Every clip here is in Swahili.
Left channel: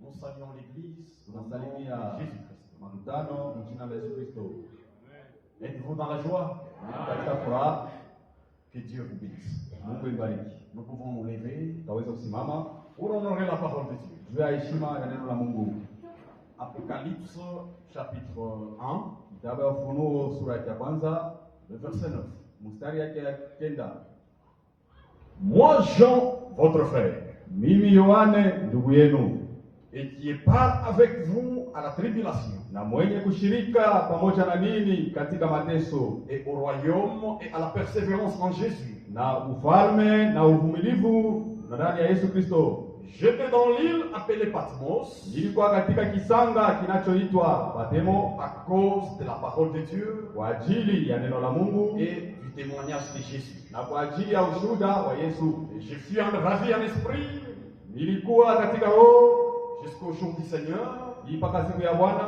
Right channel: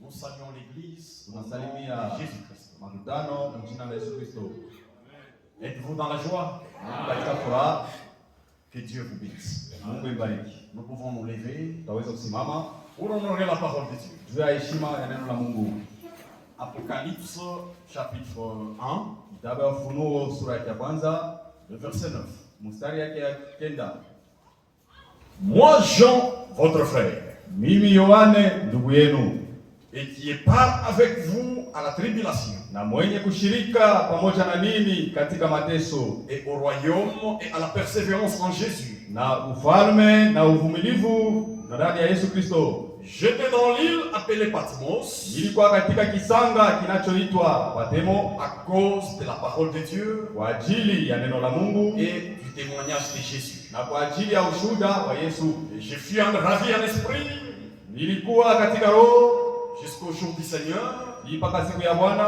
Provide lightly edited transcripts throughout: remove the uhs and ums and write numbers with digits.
Nous saluons l'Église au nom de Jésus-Christ. Êtes-vous dans la joie? Que Dieu vous bénisse. Nous pouvons nous lever pour honorer la parole de Dieu. Apocalypse chapitre 1, le verset 9. Moi, Jean, votre frère, et qui est part avec vous à la tribulation, et au royaume et à la persévérance en Jésus. J'étais dans l'île appelée Patmos à cause de la parole de Dieu et du témoignage de Jésus. Na kwa ajili ya ushuhuda wa Yesu. Et je fus ravi en esprit. Nilikuwa katika roho Jusqu'au jour du Seigneur. mpaka siku ya Bwana.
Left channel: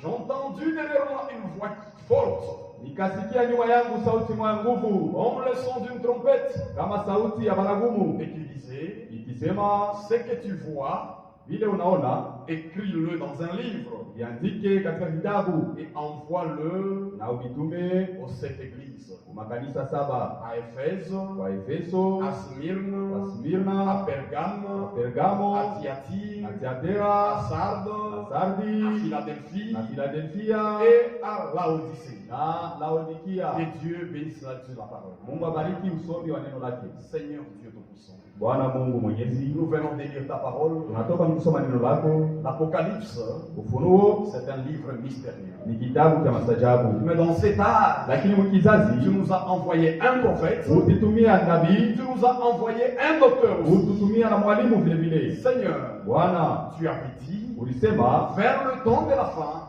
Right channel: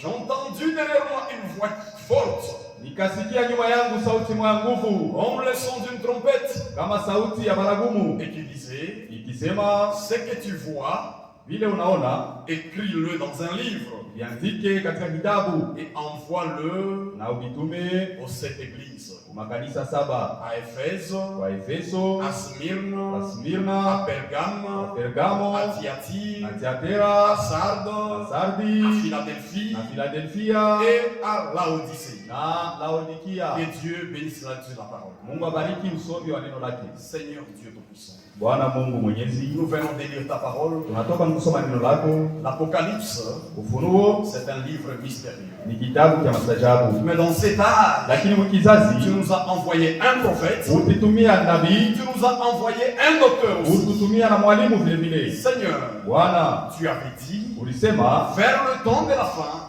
J'ai entendu derrière moi une voix forte. Nikasikia nyuma yangu sauti moya nguvu, Comme le son d'une trompette. kama sauti ya baragumu, Et qui disait, ikisema, ce que tu vois, vile unaona écris-le dans un livre. viandike katika kitabu Et envoie-le na uvitume aux 7 églises. kwa makanisa 7, À Éphèse, kwa Efeso, à Smyrne, kwa à Smirna, Pergame, Pergamo, à Thyatire, na à Tiatira, Sardes, na à Sardi, Philadelphie na Filadelfia et à Laodicée. na Laodikia. Que Dieu bénisse la parole. Mungu abariki usomi wa neno lake. Seigneur Dieu Tout-Puissant, Bwana Mungu Mwenyezi, nous venons de lire ta parole. tunatoka kusoma neno lako. L'Apocalypse, Ufunuo c'est un livre mystérieux. ni kitabu cha mastajabu, Mais dans cet âge, lakini mkizazi tu nous as envoyé un prophète, utitumia nabii, tu nous as envoyé un docteur aussi. ututumia na mwalimu vile vile. Seigneur, Bwana, tu avais dit, ulisema vers le temps de la fin,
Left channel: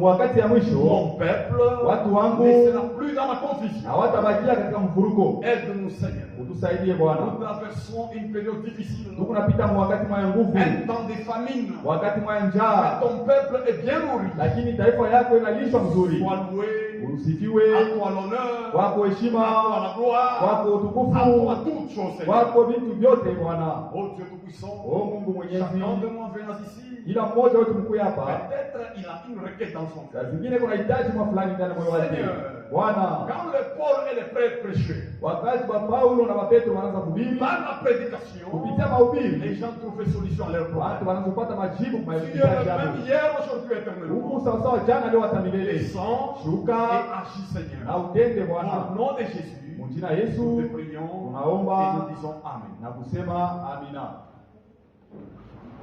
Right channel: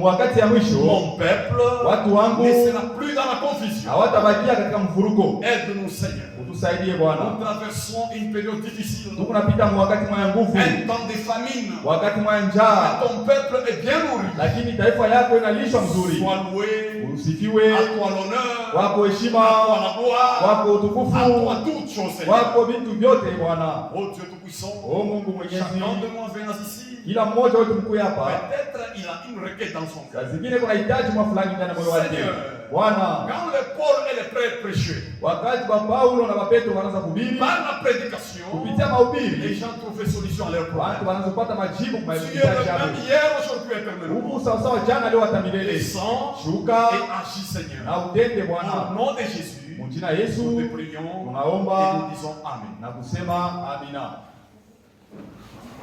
wakati ya mwisho mon peuple watu wangu ne sera plus dans la confusion. hawatabakia katika mfuruko. Aide-nous, Seigneur. Utusaidie Bwana, Nous traversons une période difficile, tukunapita wakati mwaya nguvu, un temps de famine. wakati mwaya Mais njaa, ton peuple est bien nourri. lakini taifa yako inalishwa mzuri. Sois loué, Usifiwe, à toi l'honneur, wako à heshima, toi la gloire, wako à utukufu, toi toutes choses, Seigneur. wako vitu vyote Bwana. Oh Dieu Tout-Puissant, O Mungu Mwenyezi, chacun de moi venant ici, kila mmoja wetu mkuu hapa, peut-être il a une requête dans son cœur. saa zingine kuna hitaji mwa fulani ndani ya moyo wake. Seigneur, Bwana, quand le Paul et les prêtres prêchaient, wakati wa Paulo na Petro wanaanza kuhubiri, par la prédication, kupitia les mahubiri gens trouvaient solution à leurs watu problèmes. wanaanza kupata majibu kwa Tu es mahitaji le yao. même hier, aujourd'hui, Mungu éternellement. sawa sawa jana leo hata milele. Descends Shuka et agis, Seigneur. na utende Au Bwana. nom de Jésus, Mjina nous Yesu te prions et tunaomba nous disons Amen. na kusema amina.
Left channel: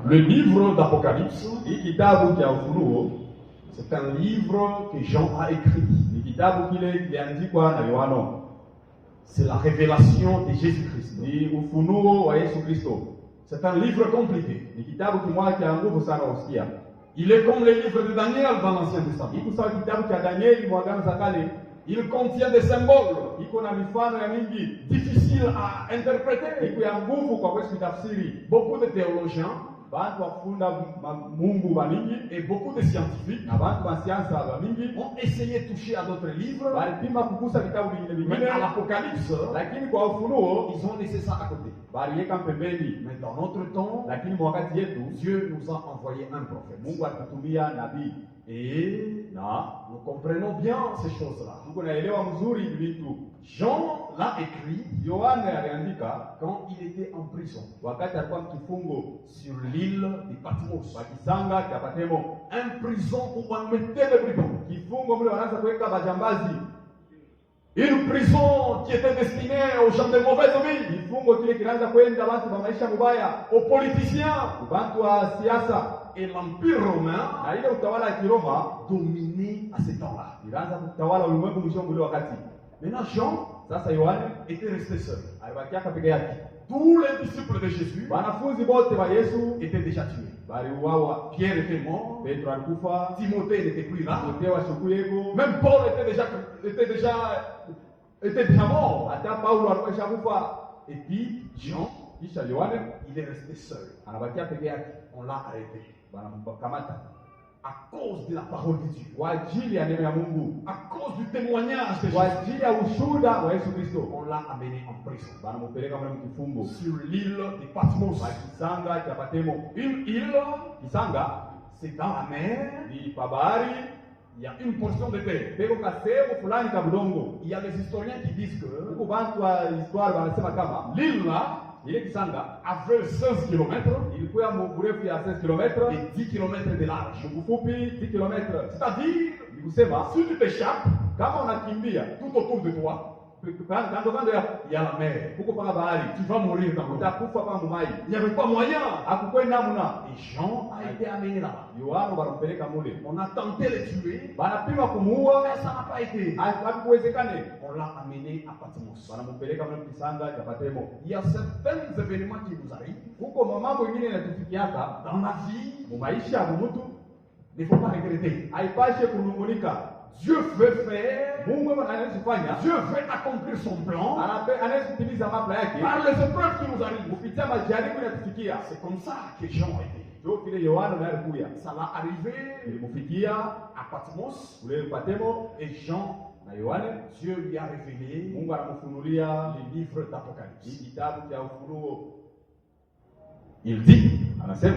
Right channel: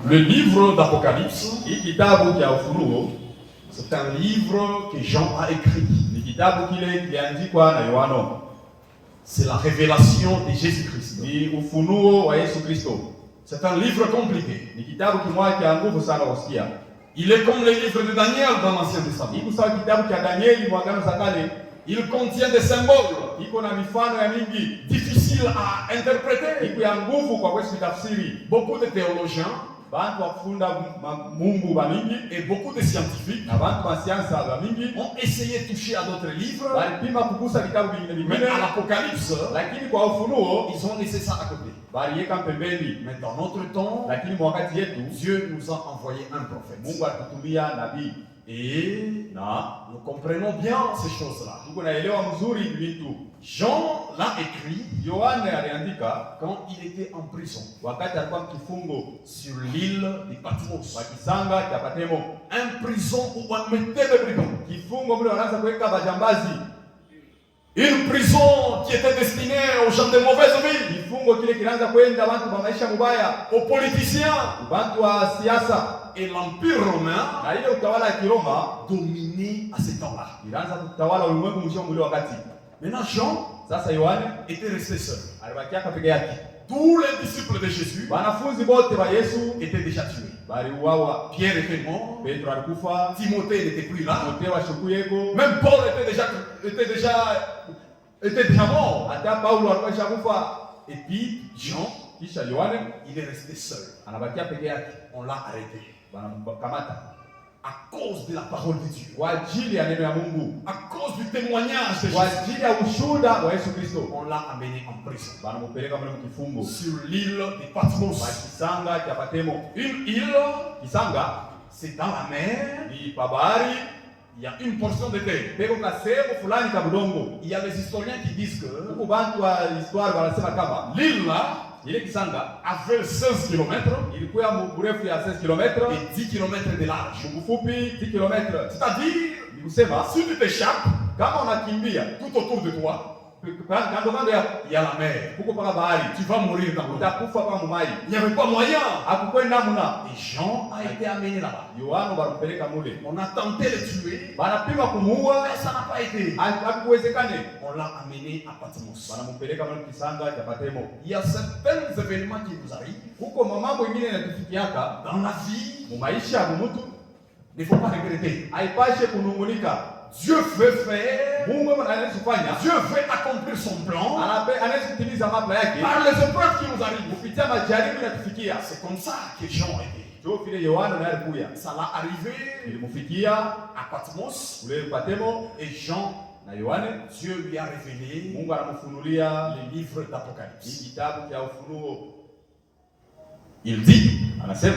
Le livre d'Apocalypse, Hii kitabu cha Ufunuo c'est un livre que Jean a écrit. ni kitabu kile kiliandikwa na Yohano. C'est la révélation de Jésus-Christ. Ni ufunuo wa Yesu Kristo. C'est un livre compliqué. Ni kitabu kimoja cha nguvu sana kusikia. Il est comme le livre de Daniel dans l'Ancien Testament. Iko sawa kitabu cha Danieli mwa Agano za Kale. Il contient des symboles Iko na mifano ya mingi. difficiles à interpréter. Iko ya nguvu kwa kwetu tafsiri. Beaucoup de théologiens Bantu wakufunda Mungu ba mingi et beaucoup de scientifiques na bantu wa siansa ba mingi ont essayé de toucher à d'autres livres, balipima kugusa vitabu vingine mais vingine, à l'Apocalypse, lakini kwa Ufunuo ils ont laissé ça à côté. baliweka pembeni. Mais dans notre temps, Lakini mwakati yetu Dieu nous a envoyé un prophète. Mungu alitutumia nabii Et na nous comprenons bien ces choses-là. tuko naelewa mzuri vitu. Jean l'a écrit Yohane aliandika quand il était en prison wakati alikuwa mkifungo sur l'île de Patmos. wa kisanga cha Patemo, Un prison où on mettait les brigands. kifungo mle wanaanza kuweka bajambazi, Une prison qui était destinée aux gens de mauvaise vie, kifungo kile kinaanza kwenda bantu ba maisha mubaya, aux politiciens. bantu wa siasa, Et l'Empire romain na ile utawala ya Kiroma dominait à ce temps-là. ilianza kutawala ulimwengu mzima ule wakati. Maintenant, Jean Sasa Yohane était resté seul. alibakia peke yake. Tous les disciples de Jésus Wanafunzi bote ba Yesu étaient déjà tués. baliuawa. Pierre était mort, Petro alikufa, Timothée n'était plus là, Timotheo ashukuyeko, même Paul était déjà mort. hata Paulo alikuwa shakufa. Et puis, Jean, Kisha Yohane il est resté seul. anabakia peke yake, On l'a arrêté banamkamata à cause de la parole de Dieu, kwa ajili ya neno ya Mungu, à cause du témoignage de kwa Jésus. ajili ya ushuhuda wa Yesu Kristo. On l'a amené en prison Banamupeleka mle mkifungo sur l'île de Patmos. kwa kisanga cha Patemo. Une île, Kisanga c'est dans la mer. ni pa bahari, Il y a une portion de terre. peko ka sehemu fulani ka budongo. Il y a des historiens qui disent que Huko bantu wa histoire wanasema kama l'île là ile kisanga avait 16 km ilikuwa ya urefu ya 16 km, et 10 km de large. ufupi 10 km. C'est-à-dire, Ni kusema si tu t'échappes, kama unakimbia tout autour de toi, kando kando ya il y a la mer. huko paka bahari, Tu vas mourir dans l'eau. utakufa kama mumai. Il n'y avait pas moyen. Hakukwenda namna. Et Jean a été amené là-bas. Yohana banampeleka mule, On a tenté de le tuer, banapima kumuua, mais ça n'a pas été. hakuwezekane. On l'a amené à Patmos. Banampeleka mule kisanga cha Patemo. Il y a certains événements qui nous arrivent Huko mambo ingine yanatufikiaka dans la vie. mu maisha ya mtu, Il ne faut pas regretter. haipashe kunungunika. Dieu veut faire, Mungu anaweza kufanya, Dieu veut accomplir son plan anaweza kutimiza mambo yake par les épreuves qui nous arrivent. kupitia majaribu yanatufikia. C'est comme ça que Jean était. Ndio vile Yohana naye alikuja. Ça l'a arrivé Ilimfikia à Patmos ule Patemo et Jean, na Yohane, Dieu lui a révélé Mungu anamfunulia les livres d'Apocalypse. hii kitabu cha Ufunuo. Il dit, Anasema,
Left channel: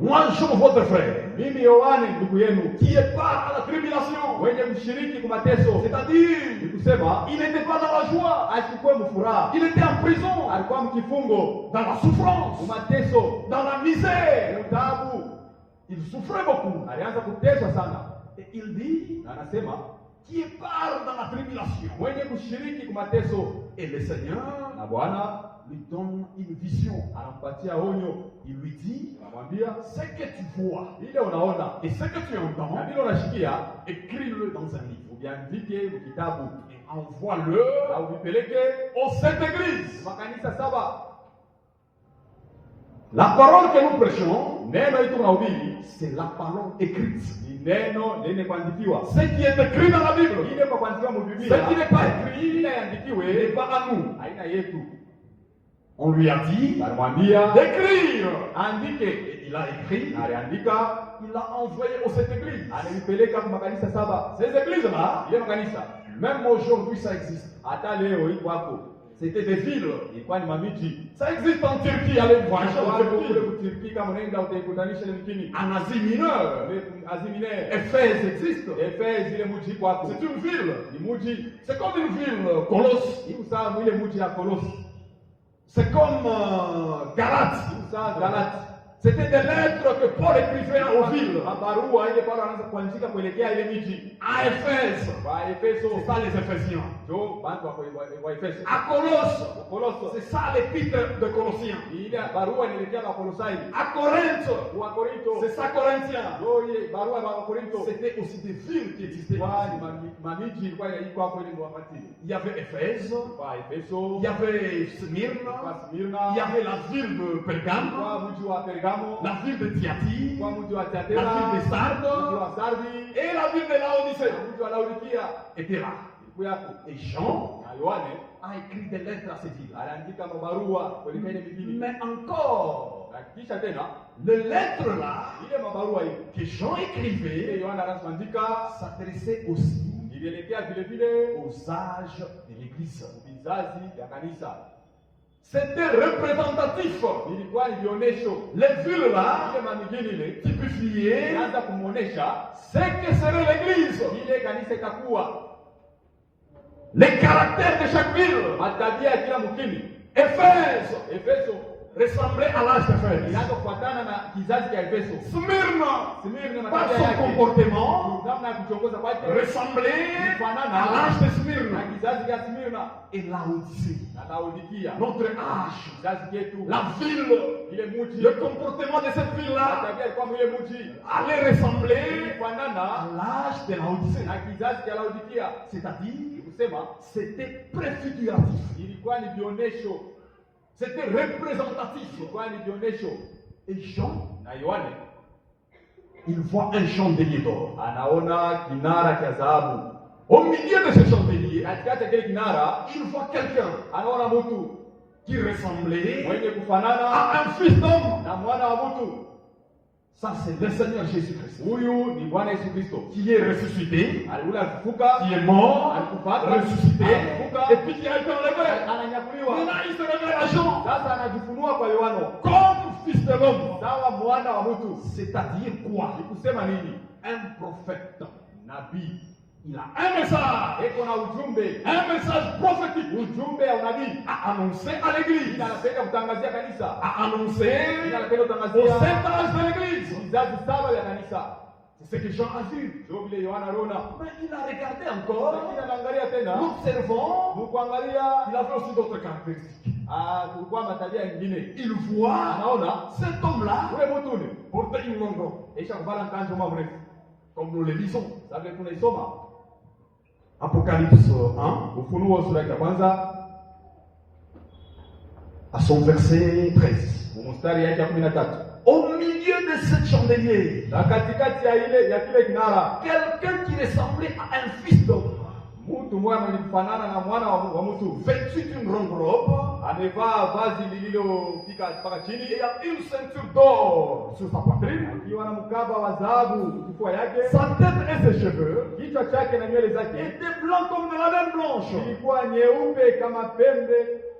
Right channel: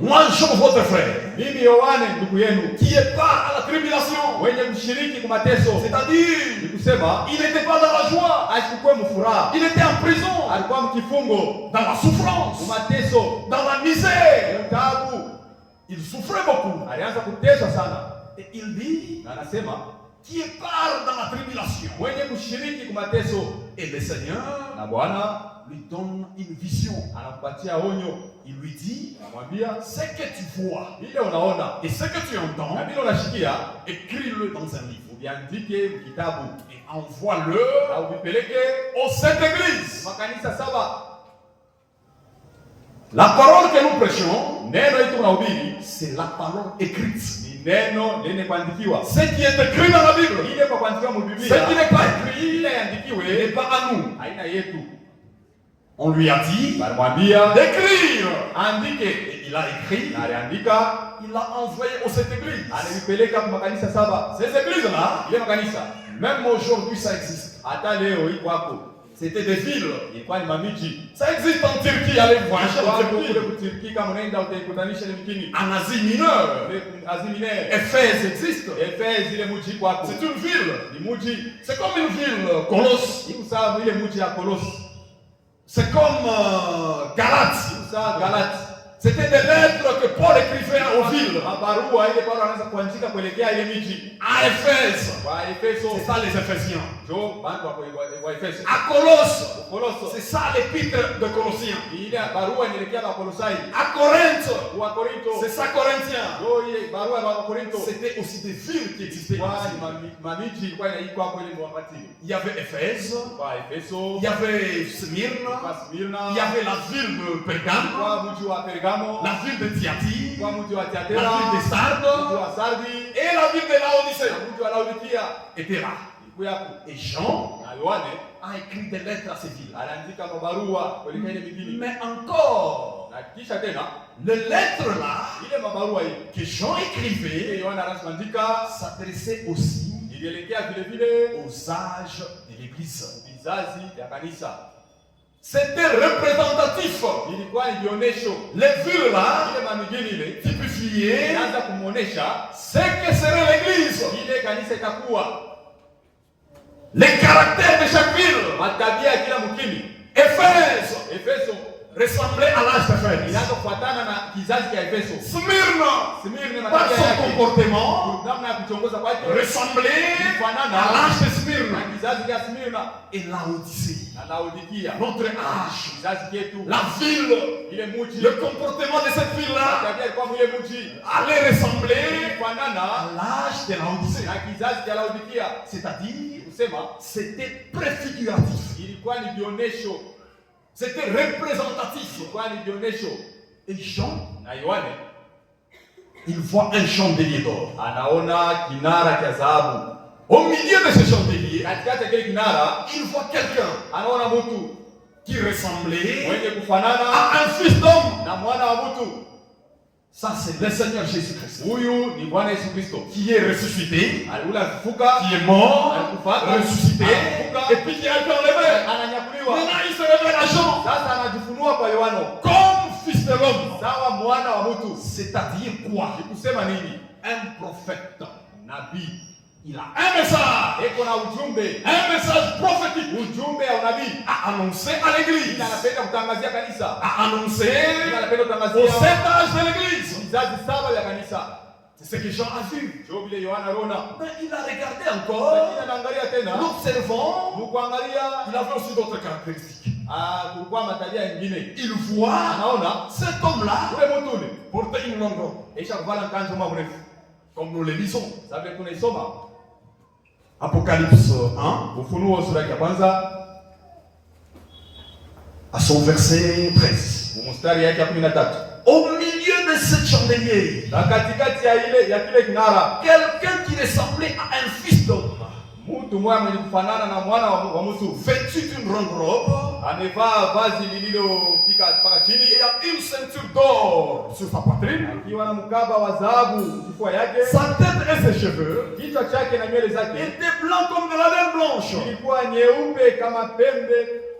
moi Jean votre frère, mimi Yohane ndugu yenu, qui est pas à la tribulation, mwenye mshiriki kwa mateso, c'est-à-dire, ni kusema il n'était pas dans la joie, asikuwe mfuraha, il était en prison, alikuwa mkifungo, dans la souffrance, mateso, dans la misère. tabu, Il souffrait beaucoup. alianza kuteswa sana. Et il dit, Na anasema qui est part dans la tribulation, mwenye kushiriki kwa mateso, et le Seigneur na Bwana lui donne une vision. anampatia onyo, Il lui dit, anamwambia ce que tu vois ile unaona et ce que tu entends, na vile unashikia écris-le dans un livre uviandike kitabu et envoie-le na uvipeleke aux sept églises. makanisa saba. La parole que nous prêchons, Neno hili tunahubiri c'est la parole écrite. ni neno lenye kuandikiwa, Ce qui est écrit dans la Bible, ile kwa kuandikiwa mu ce Biblia, qui n'est pas écrit, ile n'est iandikiwe pas à nous. haina yetu. On lui a dit Balimwambia d'écrire. andike, Et il a écrit, na aliandika, il l'a envoyé aux sept églises. alipeleka kwa makanisa saba. Ces églises-là, Ile makanisa même aujourd'hui, ça existe. hata leo iko hapo, C'était des villes. ilikuwa ni mamiji. Ça existe en Turquie, allez voir en Kule Turquie. kutiriki, kama unaenda utaikutanisha ile mjini En Asie mineure, Asie Mineure, Éphèse existe. Efes, ile mji iko hapo, C'est une ville. ni mji C'est comme une ville, Colosse. iko sawa ile mji ya Kolosi, C'est comme Galate. iko sawa Galati. C'était des lettres que Paul écrivait aux villes. Mabarua ile Paulo anaanza kuandika kuelekea ile miji. À Éphèse, Kwa Efeso, c'est ça les Éphésiens. ndio bantu wa Efeso. À Colosse, Koloso, c'est ça l'épître de Colossiens. ile barua inaelekea kwa Kolosai. À Corinthe, Kwa Korinto, c'est ça Corinthiens. ndio ile barua ya Korinto. C'était aussi des villes qui existaient. Kwa mamiji ilikuwa iko hapo ile wakati. Il y avait Éphèse, Kwa Efeso, il y avait Smyrne, kwa Smyrna, il y avait la ville de Pergame, kwa mji wa Pergamo, la ville de Thyatire, kwa mji wa la Thiatira, ville de mji Sardes wa Sardi, et la ville de Laodicée na mji wa Laodikia. étaient là. Ilikuwa hapo. Et Jean Na Yohane a écrit des lettres à ces villes. aliandika mabarua kuelekea ile mijini. Mais encore, Na kisha tena les lettres là ile mabarua hii que Jean ile écrivait Yohana anaandika s'adressaient aussi ilielekea vile vile aux âges de l'Église. vizazi vya kanisa. C'était représentatif. Ilikuwa ni dionesho. Les villes là Ile mamijini ile typifiaient ilianza kumuonesha ce que serait l'Église. ile kanisa itakuwa, Les caractères de chaque ville. matabia ya kila mkini. Éphèse Efeso ressemblait à l'âge d'Éphèse. inaanza kufuatana na kizazi cha Efeso. Smyrne, Smyrna par matabia son yake, comportement, namna ya kuchongoza kwake ressemblait à kufanana l'âge de na Smyrne. kizazi cha Smyrna Et Laodicée, na Laodikia, notre âge, kizazi chetu. la ville, Ile mji, le comportement de cette ville-là matabia ilikuwa mwile mji allait ressembler kufanana à l'âge de Laodicée. na kizazi cha Laodikia. C'est-à-dire, Kusema c'était préfiguratif, ilikuwa ni dionesho, c'était représentatif. ilikuwa ni dionesho. Et Jean, Na Yohane il voit un chandelier d'or. anaona kinara cha dhahabu. Au milieu de ce chandelier, Katikati ya kile kinara il voit quelqu'un anaona mtu qui ressemblait mwenye kufanana à un fils d'homme. na mwana wa mtu. Ça, c'est le Seigneur Jésus-Christ Huyu ni Bwana Yesu Kristo, qui est ressuscité, alikuwa alifufuka, qui est mort, alikufa, ressuscité, alifufuka, et puis qui a été enlevé. ananyakuliwa. Maintenant, il se révèle à Jean Sasa anajifunua kwa Yohana comme fils de l'homme. sawa mwana wa mtu. C'est-à-dire quoi? Ni kusema nini? Un prophète. Nabii Il a un message, eko na ujumbe, un message prophétique ujumbe ya unabii. à annoncer à l'église, Ila anapenda kutangazia kanisa, à annoncer ila anapenda au kutangazia sept âges de l'église. vizazi saba vya kanisa. C'est ce que Jean a vu. Ndio vile Yohana aliona. Mais il a regardé encore. Lakini anaangalia tena, L'observant, mkuangalia, il avait aussi d'autres caractéristiques. kulikuwa matabia nyingine. Il voit Anaona cet homme-là ule mtu ule porter une longue robe, aisha kuvala nkanzo mrefu, comme nous le lisons. sababu tunaisoma Apocalypse 1, Ufunuo sura ya kwanza à son verset 13. mstari yake ya 13. Au milieu de de ce chandelier, na katikati ya ile ya kile kinara quelqu'un qui ressemblait à un fils d'homme, mtu mmoja mwenye kufanana na mwana wa mtu, vêtu d'une grande robe, amevaa vazi lililofika mpaka chini, et a une ceinture d'or sur sa poitrine, akiwa na mkaba wa dhahabu kifua yake, sa tête et ses cheveux kichwa chake na nywele zake étaient blancs comme de la laine blanche, ilikuwa nyeupe kama pembe,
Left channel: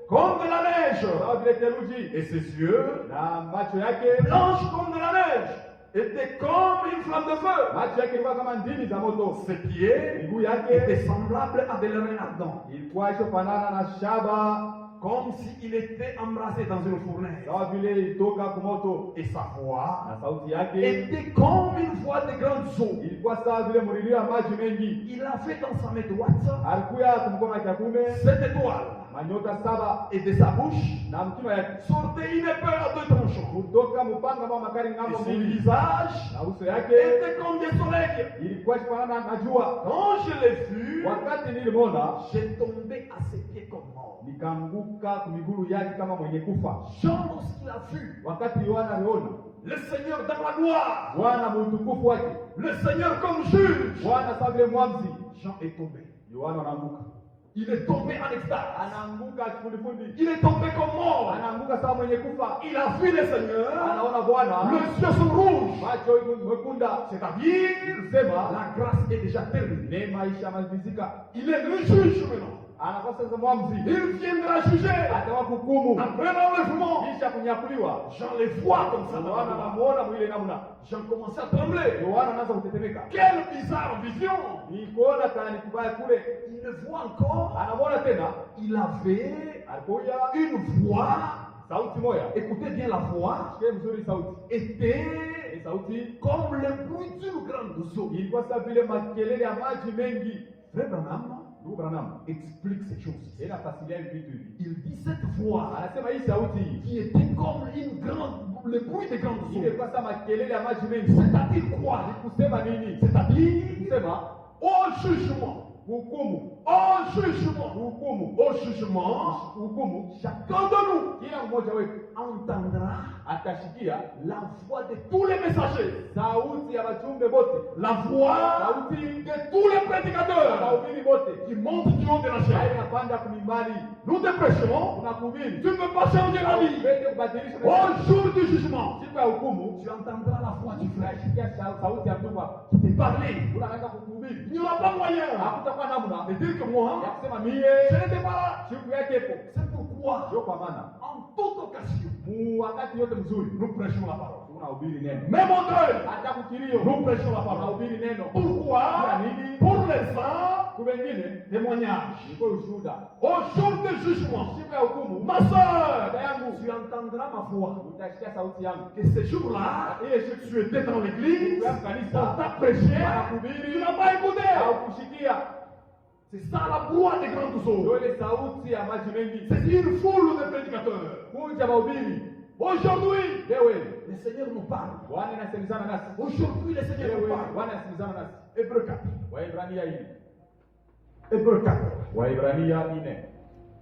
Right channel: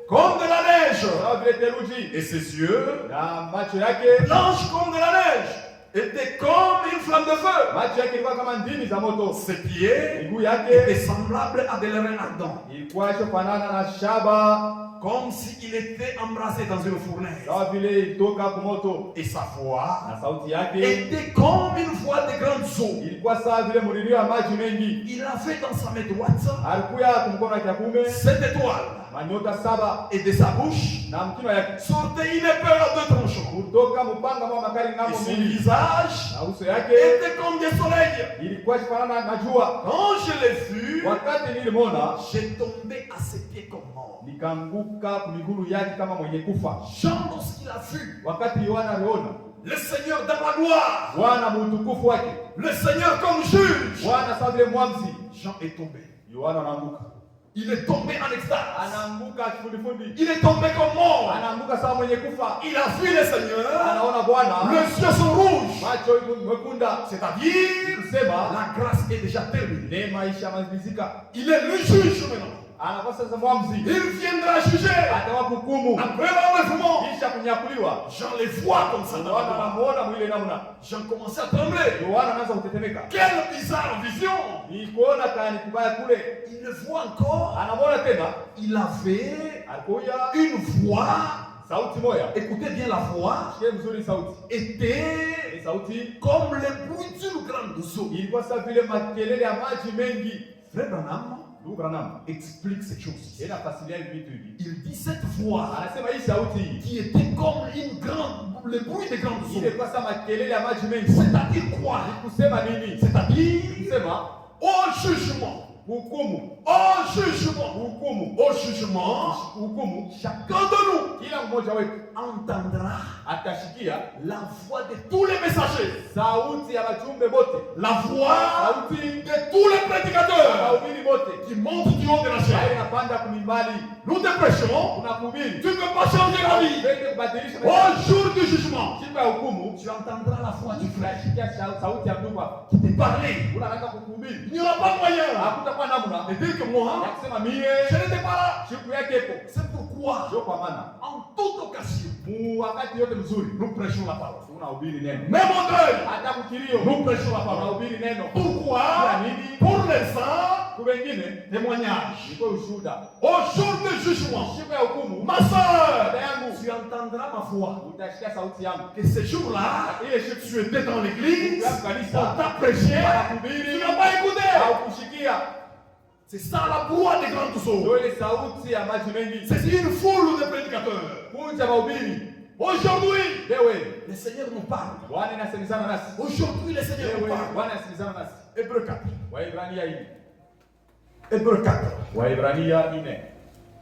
comme de la neige, sawa vile theluji, et ses yeux, na macho yake blanches comme de la neige, étaient comme une flamme de feu. macho yake ilikuwa kama ndimi za moto, Ses pieds miguu yake étaient semblables à des lérins ardents, ilikuwa ichofanana na shaba, comme s'il était embrasé dans une fournaise. sawa vile ilitoka kwa moto, Et sa voix na sauti yake était comme une voix de grandes eaux. ilikuwa sawa vile mlilio wa maji mengi. Il avait dans sa main droite Alikuya kumkono wake wa kuume 7 étoiles, manyota saba, et de sa bouche na mkino yake sortait une épée à 2 tranchants. kutoka mpanga mwa makali Et ngambo son mbili, visage na uso yake était comme des soleils. ilikuwa ifanana na jua. Quand je l'ai vu, Wakati nilimwona j'ai tombé à ses pieds comme mort. nikaanguka kumigulu yake kama mwenye kufa. Jean, lorsqu'il a vu Wakati Yohana aliona le Seigneur dans la gloire, Bwana muutukufu wake, le Seigneur comme juge, Bwana sawa vile mwamzi, Jean est tombé. Yohana anaanguka, Il est tombé en extase. anaanguka kifundifundi, Il est tombé comme mort. anaanguka sawa mwenye kufa. Il a vu le Seigneur. Anaona Bwana, Les yeux sont rouges. macho mwekunda, C'est-à-dire, kusema la grâce est déjà terminée. neema ishamalizika. Il est le juge maintenant. Anakuwa sasa mwamzi, Il viendra juger. atawa hukumu Après l'enlèvement, kisha kunyakuliwa. Jean les voit comme ça dans la Yohana gloire. anamuona mwile namna, Jean commençait à trembler. Yohana anaanza kutetemeka, Quelle bizarre vision. ni kuona kani kubaya kule. Il le voit encore. Anamwona tena, Il avait alikuya une voix. sauti moya, Écoutez bien la voix. sikia mzuri sauti, Était ni sauti comme le bruit d'une grande eau. ilikuwa sawa vile makelele ya maji mengi. Frère Branham Ndugu Branham explique ces choses. inafasilia vitu hivi, Il dit cette voix anasema hii sauti hii qui était comme une grande, le bruit des grandes ile eaux. ilikuwa sawa makelele ya maji mengi. C'est-à-dire quoi? Kusema nini? C'est-à-dire Kusema au jugement. hukumu, Au jugement. hukumu, Au jugement, hukumu. chacun de nous Kila mmoja wetu entendra atashikia la voix de tous les messagers, sauti ya wajumbe bote, la voix sauti de tous les ya prédicateurs wahubiri bote, qui montent du haut de la nayo chair. inapanda kumimbali. Nous te prêchons, Tunahubiri tu ne peux pas changer la vie. Uweze kubadilisha Au maisha. jour du jugement, Siku ya hukumu tu entendras la voix du frère tunashikia sauti ya ndugu wako. qui te parlait. Unaanza kuhubiri, Il n'y aura pas moyen hakutakuwa namna de dire que moi, ya kusema je mie n'étais pas là. siku yake ipo. C'est pourquoi, Ndio kwa maana en toute occasion, mu wakati yote mzuri nous prêchons la parole. tunahubiri neno, Même en deuil, hata kukilio nous prêchons la parole. tunahubiri neno. Pourquoi? Kwa nini? Pour les saints, Kwa wengine témoignage. niko ushuhuda. Au jour du jugement, Siku ya hukumu, ma soeur, dada yangu, tu entendras ma voix. utashikia sauti yangu. Que ce jour-là, Ile siku tu étais dans l'église, ya kanisa on t'a prêché, wanahubiri, tu n'as pas écouté. haukushikia. C'est ça la voix des grandes eaux. Ndio ile sauti ya maji mengi. C'est une foule de prédicateurs. Kuja mahubiri. Aujourd'hui, Lewe, le Seigneur nous parle. Bwana inasemezana nasi. Aujourd'hui, le Seigneur nous Lewe, parle. Bwana inasemezana nasi. Hébreu 4. Waebrania 4. Hébreu 4. Waebrania 4.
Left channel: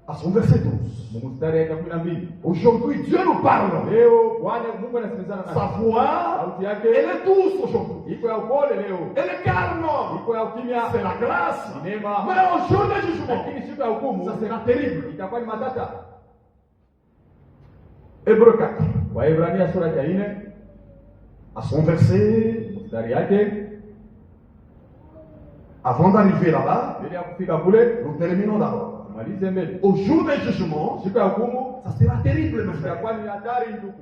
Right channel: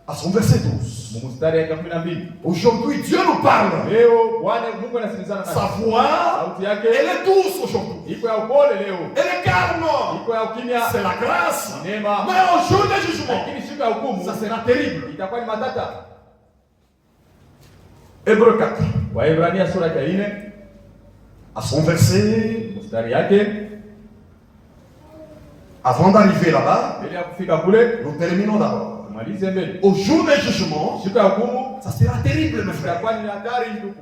À son verset 12. Mstari ya 12. Aujourd'hui, Dieu nous parle. Leo Bwana Mungu anasemezana nasi. Sa voix, Sauti yake elle est douce aujourd'hui. iko ya upole leo. Elle est calme. Iko ya ukimya. C'est la grâce. Ni neema. Mais au jour du jugement, Lakini siku ya hukumu ça sera terrible. itakuwa ni matata. Hébreu 4. Waebrania sura ya 4 À son verset, mstari yake, avant d'arriver là-bas, bila ya kufika kule nous terminons d'abord. malize mbele. Au jour du jugement, Siku ya hukumu ça sera terrible, mes frères. itakuwa ni hatari ndugu.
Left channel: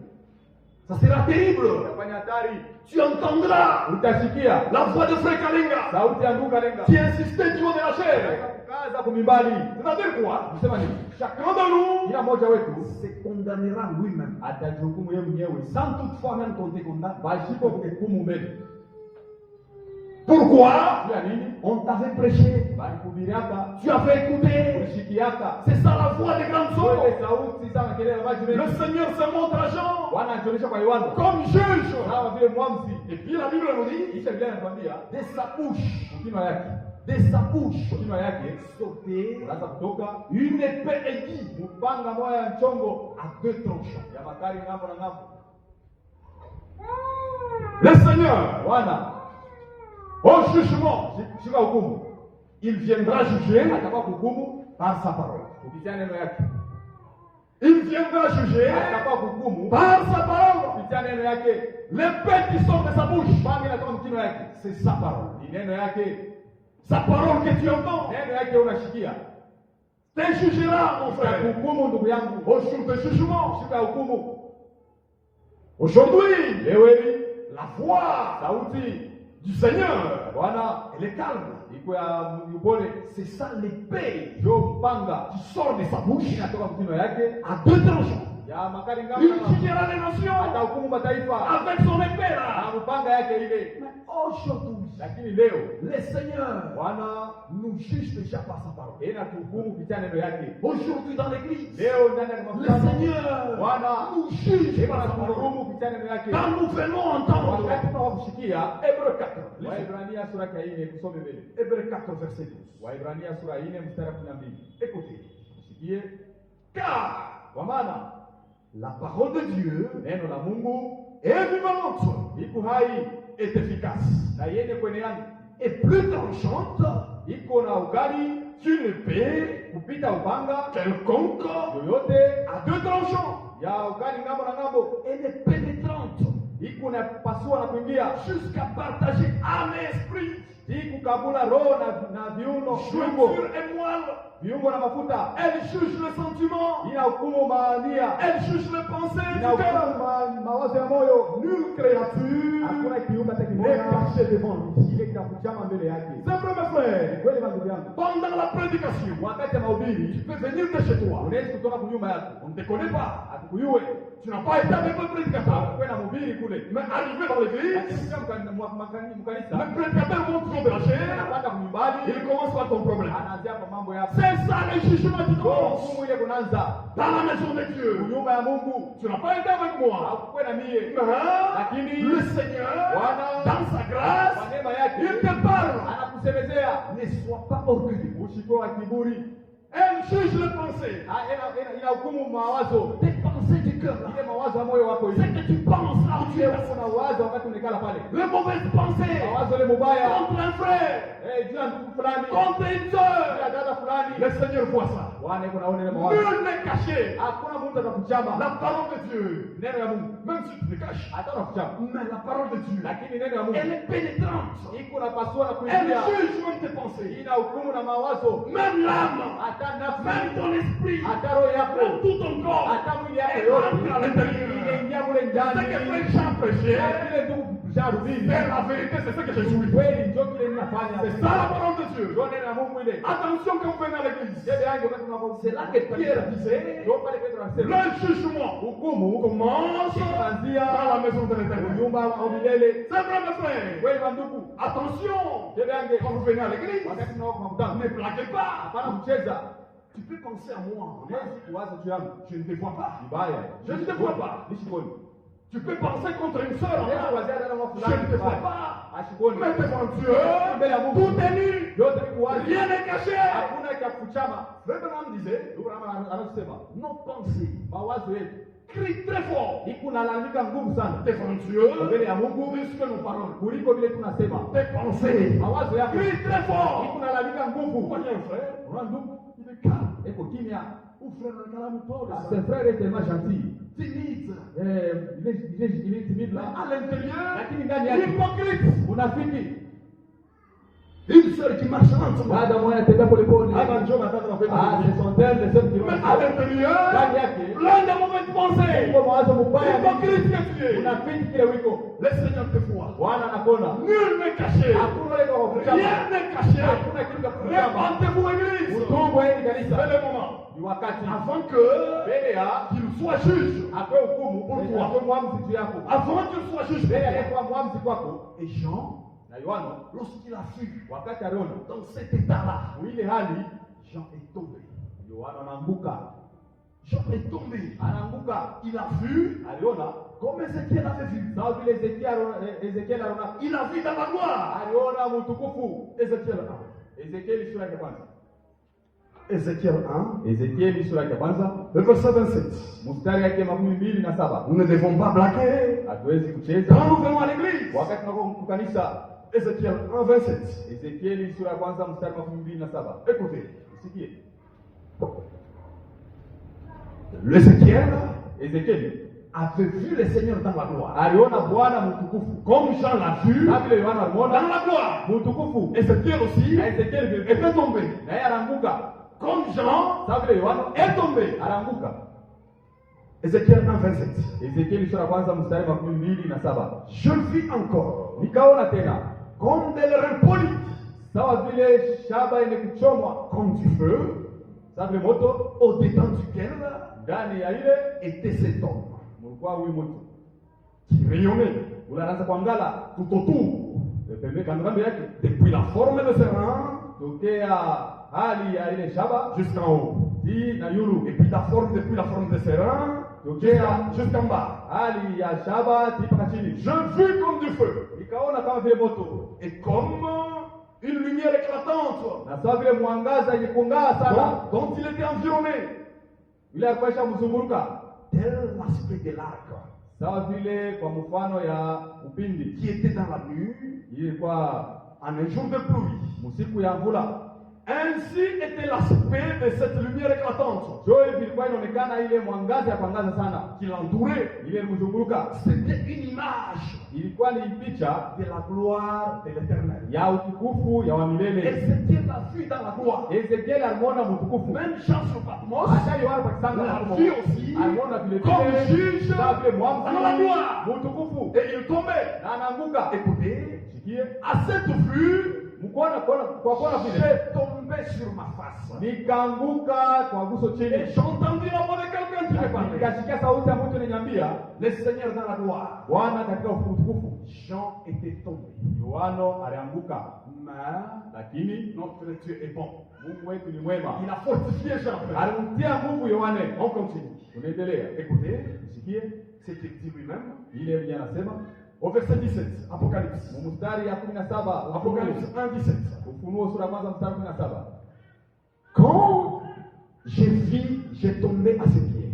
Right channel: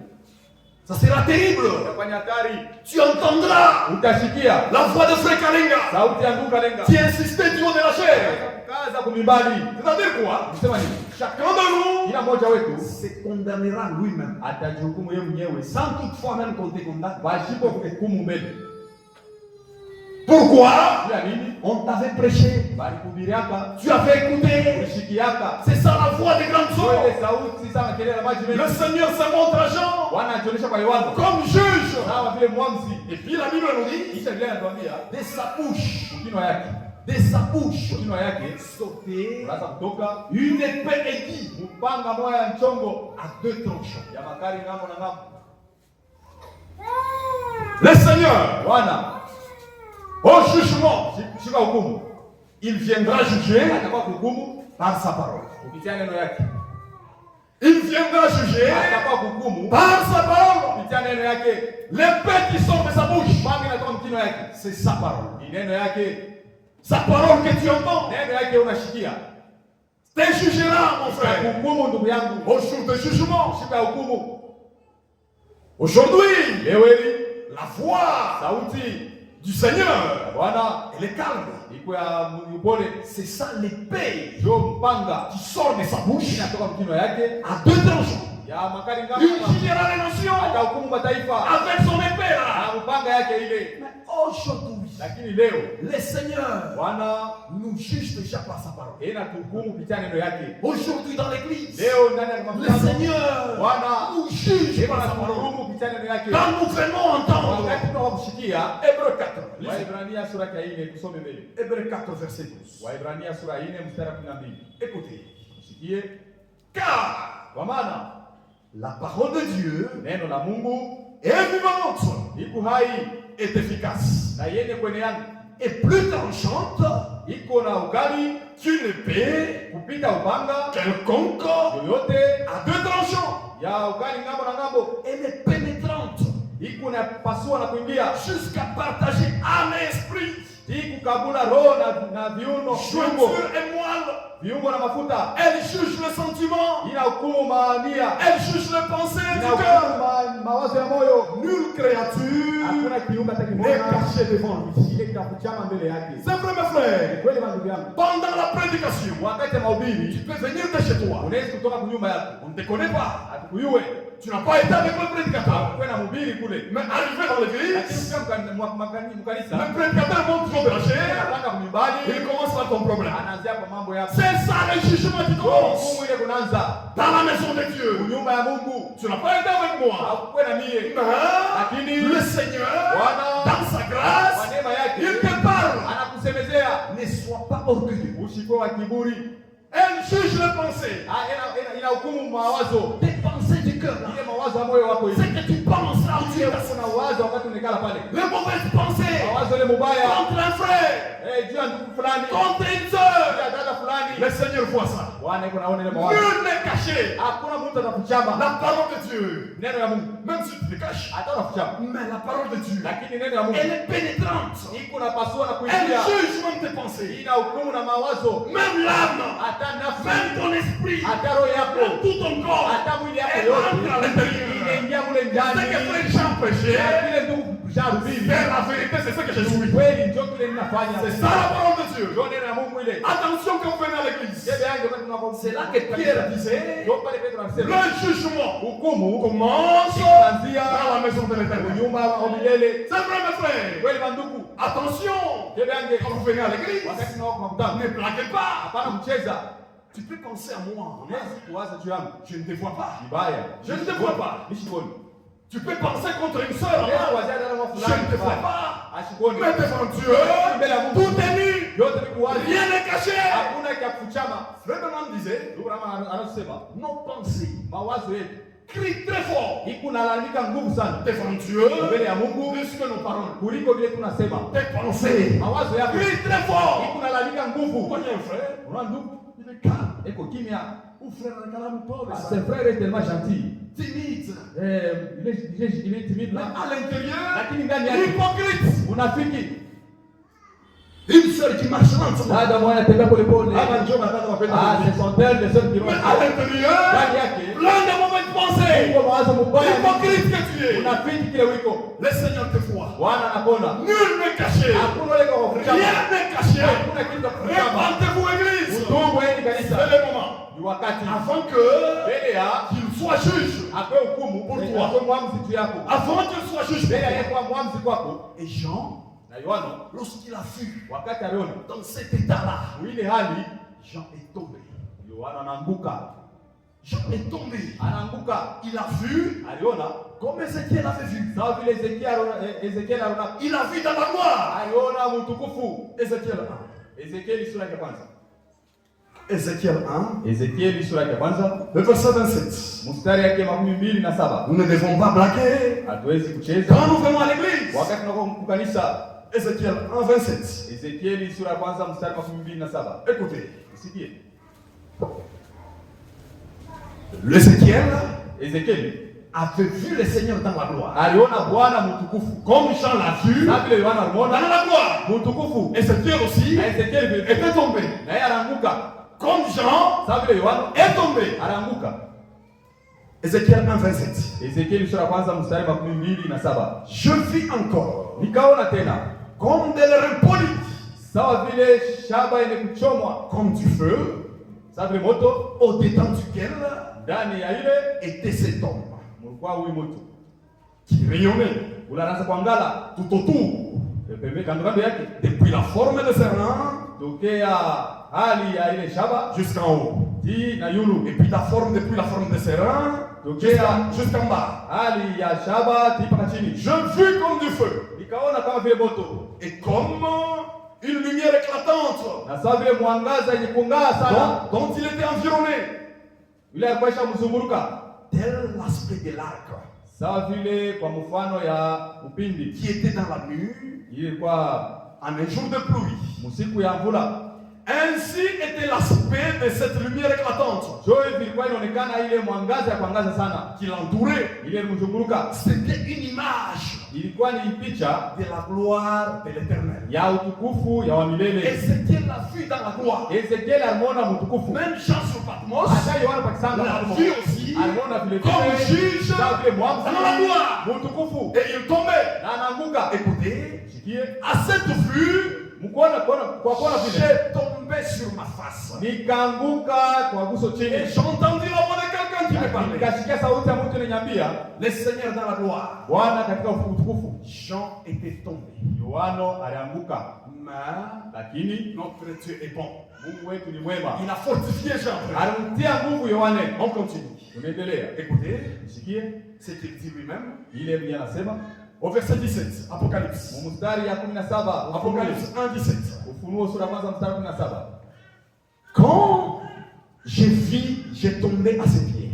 Ça sera terrible. Itakuwa ni hatari. Tu entendras Utashikia la voix de Frère Kalinga sauti ya ndugu Kalenga. qui insistait du haut de la chair. Kaza kumimbali. C'est-à-dire quoi? Kusema nini? Chacun de nous Kila mmoja wetu se condamnera lui-même. atajihukumu yeye mwenyewe Sans toutefois même qu'on te condamne. pasipo kuhukumu mbele. Pourquoi? Bila nini? On t'avait prêché. Balihubiriaka, Tu avais écouté. ulishikiaka. C'est ça la voix des grandes eaux. Ile sauti sana kelele na maji Le mengi. Seigneur se montre à Jean Bwana anajionyesha kwa Yohana comme juge. kama vile mwamzi. Et puis la Bible nous dit, Kisha Biblia inatuambia de sa bouche, kinywa yake, de sa bouche, kinywa yake sautait unaanza kutoka une épée aiguë mpanga moya ya nchongo à 2 tranchants. ya makali ngambo na ngambo. Le Seigneur, Bwana au jugement, shika hukumu, il viendra juger atakuwa kuhukumu par sa parole. kupitia neno yake. Il viendra juger Atakuwa kuhukumu par sa parole. kupitia neno yake. Les paix qui sortent de sa bouche, Bangi inatoka mkino yake, c'est sa parole. ni neno yake. Sa parole que tu entends Neno yake unashikia, te jugera, mon frère, kuhukumu ndugu yangu, au jour de jugement. shika hukumu. Aujourd'hui, Leo hili la voix sauti du Seigneur, Bwana elle est calme. iko ya upole, C'est ça l'épée ndio mpanga qui sort de sa bouche inatoka mkino yake à deux tranchants. ya makali Il ngama, jugera les nations atahukumu mataifa avec son épée là. na mpanga yake ile. Mais aujourd'hui, Lakini leo le Seigneur Bwana nous juge déjà par sa parole. inatuhukumu kupitia neno yake. Aujourd'hui dans l'église, Leo ndani ya le makutano Seigneur Bwana nous juge par sa parole. inatuhukumu kupitia neno yake. Quand nous venons entendre Wakati tunawakushikia Hébreu 4, Waibrania sura ya 4, tusome mbele. Hébreu 4 verset 12. Waibrania sura ya 4 mstari wa 12. Écoutez, Sikie, car kwa maana la parole de Dieu neno la Mungu est vivante, iko hai est efficace, na yende kwenye yangu, et plus tranchante iko na ukali qu'une épée kupita upanga quelconque yoyote à deux tranchants. ya ukali ngambo na ngambo, Elle est pénétrante iko na pasua na kuingia jusqu'à partager âme et esprit, hii kukabula roho na viuno, viungo jointure et moelle. viungo na mafuta. Elle juge le sentiment, Ina hukumu maania, elle juge les pensées ina du cœur. hukumu mawazo ya moyo. Nulle créature Hakuna kiumbe hata n'est kimoja cachée devant lui. ile kitakuchama mbele yake. C'est vrai, mes frères. Kweli ndugu yangu, Pendant la prédication, wakati wa mahubiri tu peux venir de chez toi. unaweza kutoka kunyumba yako, On ne te connaît pas. hatukuyue Tu n'as pas été avec le prédicateur. kwenda mhubiri kule, Mais arrivé dans lakini l'église, mkanisa le prédicateur monte trop de la chair. anapanda kunyumbani, Il commence par ton problème. anaanzia kwa mambo yako. C'est ça le jugement qui commence. Hukumu ile kunaanza Dans la maison de Dieu. nyumba ya Mungu. Tu n'as pas été avec moi. Hakukuwa na mie, Mais le Seigneur, dans sa kwa grâce, neema yake il te parle. anakusemezea, Ne sois pas orgueilleux. usikuwe wa kiburi. Elle juge les pensées. Ina hukumu mawazo, Tes pensées du cœur. ile mawazo ya moyo wako C'est hivi. que tu penses là où tu Ile es. kuna wazo wakati unekala pale, Les mauvaises pensées mawazo ile mubaya contre un frère, juu ya ndugu fulani, contre une juu soeur. ya dada fulani. Le Seigneur voit ça. Bwana iko naona ile mawazo, Nul n'est caché. hakuna mtu atakuchama La parole de Dieu, neno ya Mungu, même si tu te caches, hata unakuchama, mais la parole de Dieu, lakini neno ya Mungu elle est pénétrante. iko na pasua na Elle kuingia, juge même tes pensées, ina hukumu na mawazo, même l'âme, hata nafsi, même ton esprit, hata roho yako, même tout ton corps. hata mwili yako Elle entre à yote l'intérieur. inaingia mule C'est ndani. que frère Jean péché, Na vile ndugu jarubini, mais la vérité, c'est ce que je suis. kweli ndio kile ninafanya. C'est ça la parole de Dieu. Ndio neno la Mungu ile. Attention quand vous venez à l'église. Bebe yangu wakati tunapokuwa, C'est là que Pierre disait, ndio pale Petro anasema le jugement hukumu commence itaanzia dans la maison de l'éternel. nyumba ya milele. C'est vrai, mes frères. Kweli bandugu, Attention, bebe yangu quand vous venez à l'église, wakati tunakuwa kwa mkutano, ne blaguez pas. hapana kucheza. Tu peux penser à moi. Unaweza kuwaza juu yangu Je ne te vois pas. vibaya, Je ne te vois pas. nishikoni. Tu peux penser contre une sœur. Unaweza kuwazia dada wa Je fulani ne te vois vibaya, pas. ashikoni. Mais devant Dieu, tout est nu. Yote ni kuwazi, Rien n'est caché. hakuna cha kuchama. Le demande disait, Ndugu Rama anasema nos pensées mawazo yetu crient très fort iko nalalamika nguvu sana devant Dieu, mbele ya Mungu plus que nos paroles. kuliko vile tunasema. Tes pensées Mawazo yako crient très fort. iko nalalamika nguvu. Voyez un frère, Unaona ndugu, il est calme. eko kimya. Ou frère, un calme pauvre, Ce frère est tellement gentil. timide. Il est timide Mais là. à l'intérieur, Lakini ndani yake hypocrite. unafiki. Une sœur qui marche lentement. Dada mmoja anatembea polepole. Hapa ndio wanapata mapenzi. Ah, ce sont elles les seules qui Mais à l'intérieur, ndani yake plein de mauvaises pensées. iko mawazo mubaya. Hypocrite que tu es. Unafiki kile wiko. Le Seigneur te voit. Bwana anakuona. Nul n'est caché. Hakuna ile kwa kuchama. Rien n'est caché. Hakuna kitu cha kuchama. Répandez-vous, Église. Utubu hili kanisa. C'est le moment. Ni wakati Avant que mbele ya qu'il soit juge. akwe hukumu Pour toi. akwe mwamzi juu yako. Avant qu'il soit juge. Mbele ya kwa mwamzi kwako. Et Jean, Na Yohana lorsqu'il a vu wakati aliona dans cet état-là, ile hali, Jean est tombé. Yohana anaanguka. Jean est tombé. Anaanguka. Il a vu Aliona comme Ézéchiel avait vu. sawa vile Ezekiel aliona. Il a vu dans la gloire. Aliona mtukufu. Ézéchiel 1. Ezekieli sura ya kwanza. Ézéchiel 1, Ezekieli sura ya kwanza le verset 27. mstari yake 27. Nous ne devons pas blaguer Hatuwezi kucheza quand nous venons à l'église. wakati tunakuwa kanisa. Ézéchiel 1, 27. Ezekieli sura ya kwanza mstari 27. Écoutez, Usikie. l'Ézéchiel Ezekieli avait vu le Seigneur dans la gloire. aliona Bwana mtukufu. Comme Jean l'a vu Na vile Yohana dans alimuona la gloire. mtukufu. Ézéchiel aussi Na Ezekieli vile était tombé. na yeye anaanguka. Comme Jean Sawa vile Yohana est tombé. anaanguka. Ézéchiel 1, 27. Ezekieli sura ya kwanza mstari 27. Je vis encore Nikaona tena comme de l'airain poli, sawa vile shaba yenye kuchomwa, comme du feu, sawa vile moto, au-dedans duquel ndani ya ile était cet homme mlikuwa huyu mtu qui rayonnait unaanza kuangala tout autour, pembe kando kando yake, depuis la forme de ses reins tokea hali ya ile shaba jusqu'en haut. hii na yulu, Et puis la forme, depuis la forme de ses reins jusqu'en bas. hali ya shaba mpaka chini. Je vis comme du feu Nikaona kama vile moto et comme une lumière éclatante na sawa vile mwangaza yenye kung'aa sana, dont il était environné, yule alikuwa mzunguruka tel l'aspect de l'arc sawa vile kwa mfano ya upindi, qui était dans la nuit ilikuwa en un jour de pluie. msiku ya mvula. Ainsi était l'aspect de cette lumière éclatante Joe ilikuwa inaonekana ile mwangaza ya kuangaza sana qui l'entourait. ile mzunguruka, C'était une image ilikuwa ni picha de la gloire de l'Éternel. ya utukufu ya wa milele. Ézéchiel l'a vu dans la gloire. Ezekiel alimuona mtukufu, Même Jean sur Patmos hata Yohana pakisanga l'a vu aussi alimuona vile comme vile juge sawa vile dans la mwamuzi gloire. mtukufu, Et il tombait. na anaanguka. Écoutez, Sikie à cette vue, mkuona kwa kuona vile j'ai tombé sur ma face. nikaanguka kwa guso Et chini, j'entendis la voix de quelqu'un qui me parlait. nikasikia sauti ya mtu ananiambia, Le Seigneur dans la gloire. Bwana katika utukufu. Jean était tombé. Yohana alianguka, Mais lakini notre Dieu est bon. Mungu wetu ni mwema, Il a fortifié Jean. alimtia nguvu Yohane. On continue. Tunaendelea, Écoutez, sikie ce qu'il dit lui-même. ile mwenye anasema Au verset 17, Apocalypse. mstari ya 17, Apocalypse 1, 17. Ufunuo sura kwanza mstari 17. Quand j'ai vu, j'ai tombé à ses pieds.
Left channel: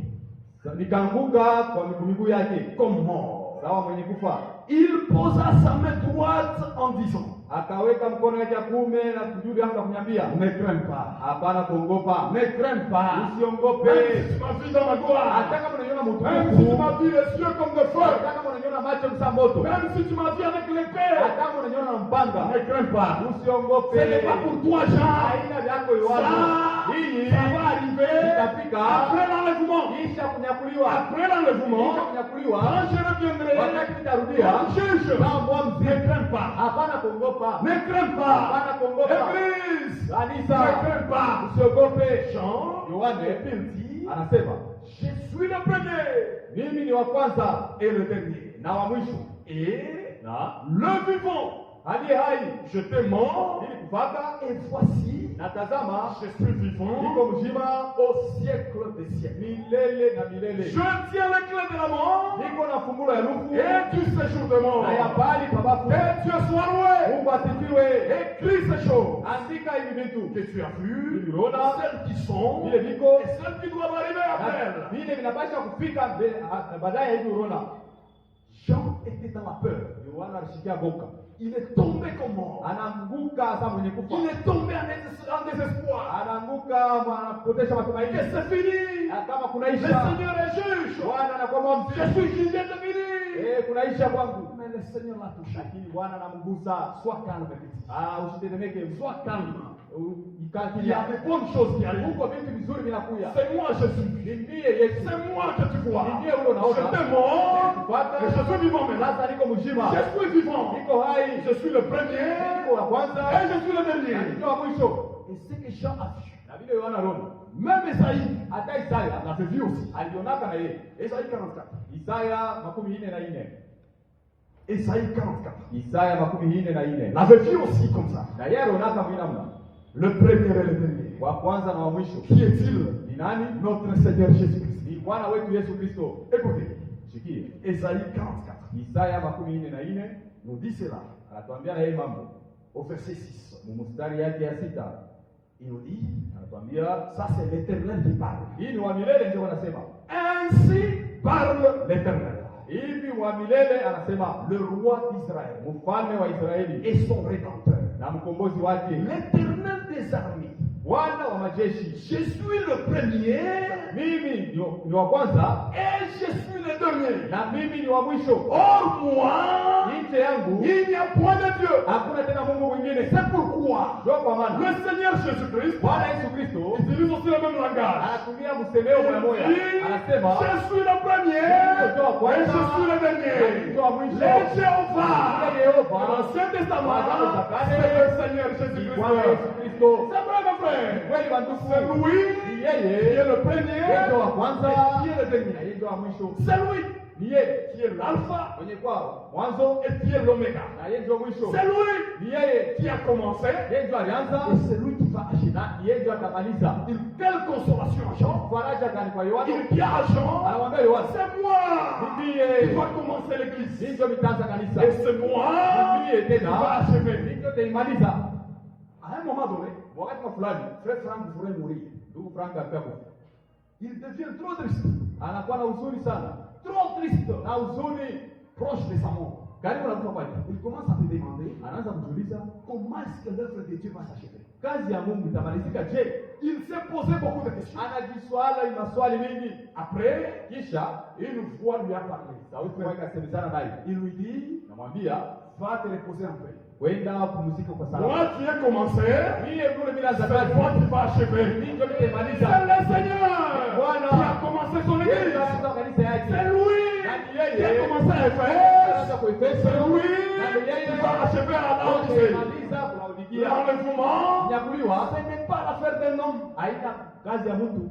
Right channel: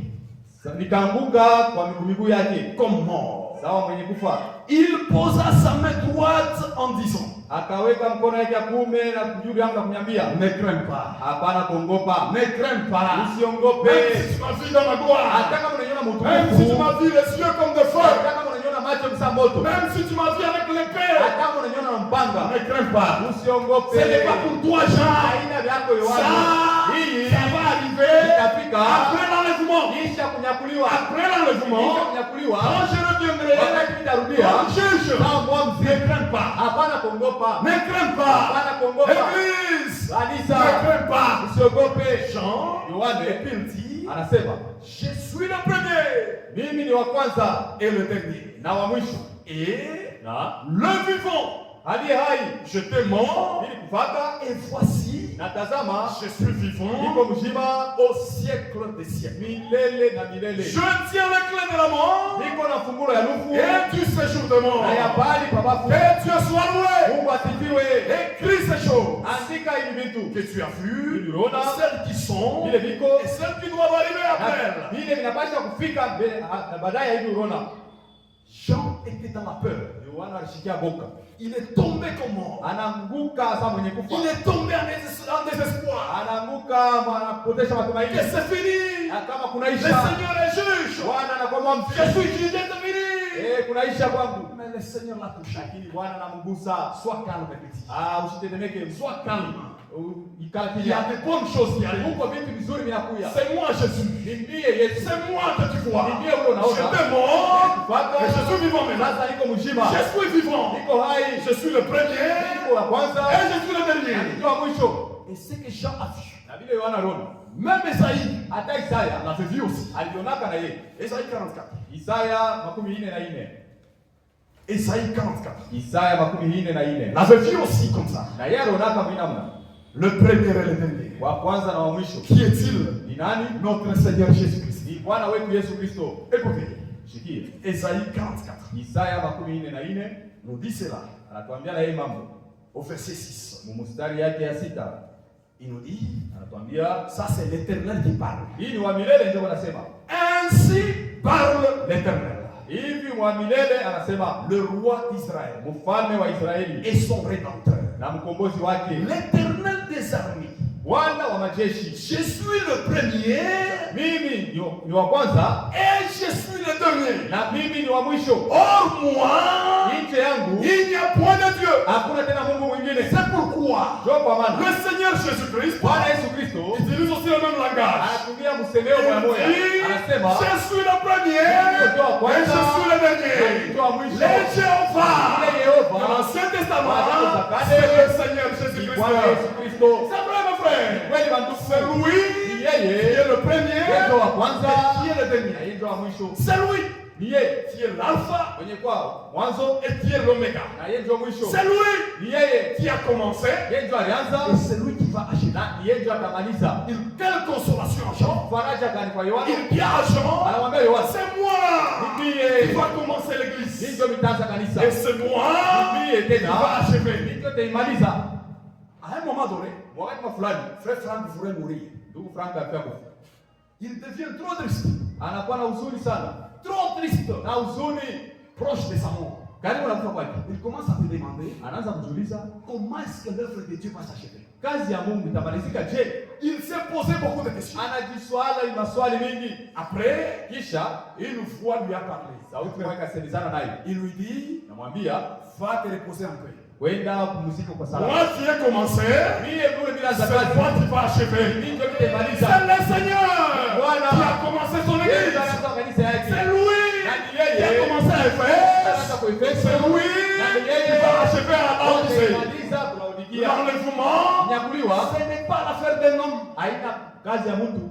Nikaanguka kwa miguu yake Comme mort. sawa mwenye kufa. Il posa sa main droite en disant, Akaweka mkono yake ya kuume na juu yangu akaniambia, ne crains pas. hapana kuogopa, Ne crains pas. usiongope. Même si tu m'as vu dans ma gloire. Hata kama unaniona Même si tu mtukufu, m'as vu les yeux comme de feu. hata kama unaniona macho msa moto, Même si tu m'as vu avec l'épée. hata kama unaniona na mpanga, Ne crains pas. usiongope. Ce n'est pas pour toi, Jean. Haina vyako Yohana. Hii Ça va arriver itafika après l'enlèvement. kisha kunyakuliwa. Après l'enlèvement, Kisha kunyakuliwa, quand je reviendrai, wakati nitarudia comme juge, kama mwamuzi, ne crains pas. hapana kuogopa, Ne crains pas. hapana kuogopa. Église, Kanisa, ne crains pas. usiogope. Jean, Yohane il dit, anasema je suis le premier mimi ni wa kwanza et le dernier. na wa mwisho Et na le vivant, aliye hai. j'étais mort Ili kufaka et voici, na tazama, je suis vivant niko mzima au siècle des siècles. milele na milele. Je tiens la clé de la mort Niko na fungulo ya lufu et du séjour de mort. na ya pali pabafu. Que Dieu soit loué. Mungu asifiwe. Écris ces choses Andika hivi vitu que tu as vues, Uliona celles qui sont vile viko et celles qui doivent arriver après na elles. vile vinapasha kufika mbele na baadaye hivi unaona. Jean était dans la peur. Yohana alishikia boka, Il est tombé comme mort. anaanguka sasa mwenye kufa, Il est tombé en désespoir. anaanguka anapotesha Que matumaini. c'est fini. Na kama Le kunaisha, Seigneur est juge. Bwana anakuwa Je mfia. suis jugé, c'est fini. Kunaisha kwangu, Mais le Seigneur l'a touché. lakini Bwana anamgusa. Sois calme, petit. Usitetemeke, Sois calme. ikala Il y a kimya. des bonnes choses qui arrivent. Huko vitu vizuri vinakuya. C'est moi Jésus. Ni ndiye Yesu. C'est moi que tu vois. Ni ndiye ule unaona. J'étais mort. Kufuata. Et je suis vivant maintenant. Sasa niko mzima. Je suis vivant. Niko hai. Je suis le premier. Niko wa kwanza. Et je suis le Na dernier. niko wa mwisho. Et c'est que Jean a vu. Na vile Yohana aliona. Même Esaïe Hata Isaya l'avait vu aussi. alionaka na yeye. Esaïe 44. Isaya 44. Esaïe 44. Isaya 44. L'avait vu aussi comme ça. Na yeye alionaka vile namna. Le premier et le dernier. Wa kwanza na wa mwisho. Qui est-il? Ni nani? Notre Seigneur Jésus-Christ. Ni Bwana wetu Yesu Kristo. Écoutez, Shikie. Esaïe 44 Isaya 44 nous dit cela anatuambia na yeye mambo. au verset 6. Mstari yake ya 6. Il nous dit, Anatuambia ça c'est l'Éternel qui parle. hii ni wa milele ndio wanasema. Ainsi parle l'Éternel, Hivi wa milele anasema le roi d'Israël mfalme wa Israeli et son rédempteur, na mkombozi wake, l'Éternel des armées. Bwana wa majeshi. Je suis le premier Mimi ni wa kwanza et je suis le dernier. na mimi ni wa mwisho. Hors moi, Nje yangu il n'y a point de Dieu. hakuna tena Mungu mwingine. C'est pourquoi Ndio kwa maana le Seigneur Jésus-Christ Bwana Yesu Kristo utilise aussi le même langage. anatumia msemeo moja moja. Anasema Je suis le premier et je suis le dernier. ndio wa mwisho. Le Jéhovah, Ile Yehova dans l'Ancien Testament, Bwana c'est le Seigneur ni Jésus-Christ. Bwana Yesu Kristo. C'est vrai, mon frère. Kweli bandugu, C'est lui ni qui yeye est le premier ndio wa kwanza et qui est le na dernier. yeye ndio wa mwisho. C'est lui Ni yeye qui est l'alpha mwenye kwao mwanzo et qui est l'oméga. na yeye ndio mwisho. C'est lui Ni yeye qui a commencé yeye ndio alianza et c'est lui qui va achever. na yeye ndio atamaliza. Quelle consolation à Jean. Faraja gani kwa Yohana? Il dit à Jean, Anamwambia Yohana, c'est moi mimi qui yeye va commencer l'église. ndio mitaanza kanisa. Et c'est moi Mimi qui va tena achever. ndio taimaliza. À un moment donné, Wakati fulani frère Franck voudrait mourir. ndugu Frank alikuwa kufa. Il devient trop triste. Anakuwa na huzuni sana. Trop triste. Na huzuni Proche de sa mort. karibu na kufa kwake. Il commence à se demander Anaanza kujiuliza comment est-ce que l'œuvre de Dieu va s'achever. kazi ya Mungu itamalizika je? Il s'est posé beaucoup de questions. Anajiswala maswali mengi. Après, Kisha une voix lui a parlé. sauti moja ikasemezana naye. Il lui dit, Namwambia va te reposer en paix. kwenda kupumzika kwa salama. Moi qui ai commencé, Mimi vile bila c'est zakati toi qui vas achever. mimi ndio nitamaliza. C'est le Seigneur Voilà. qui a commencé son Yeye église. ndio anaanza kanisa yake. C'est lui Nani qui a yeye? commencé à Anaanza Éphèse. kuifesa. C'est lui Nani qui yeye? va achever à la Laodicée. Atamaliza Laodikia. L'enlèvement, Kunyakuliwa ce n'est pas l'affaire d'un homme. haina kazi ya mtu.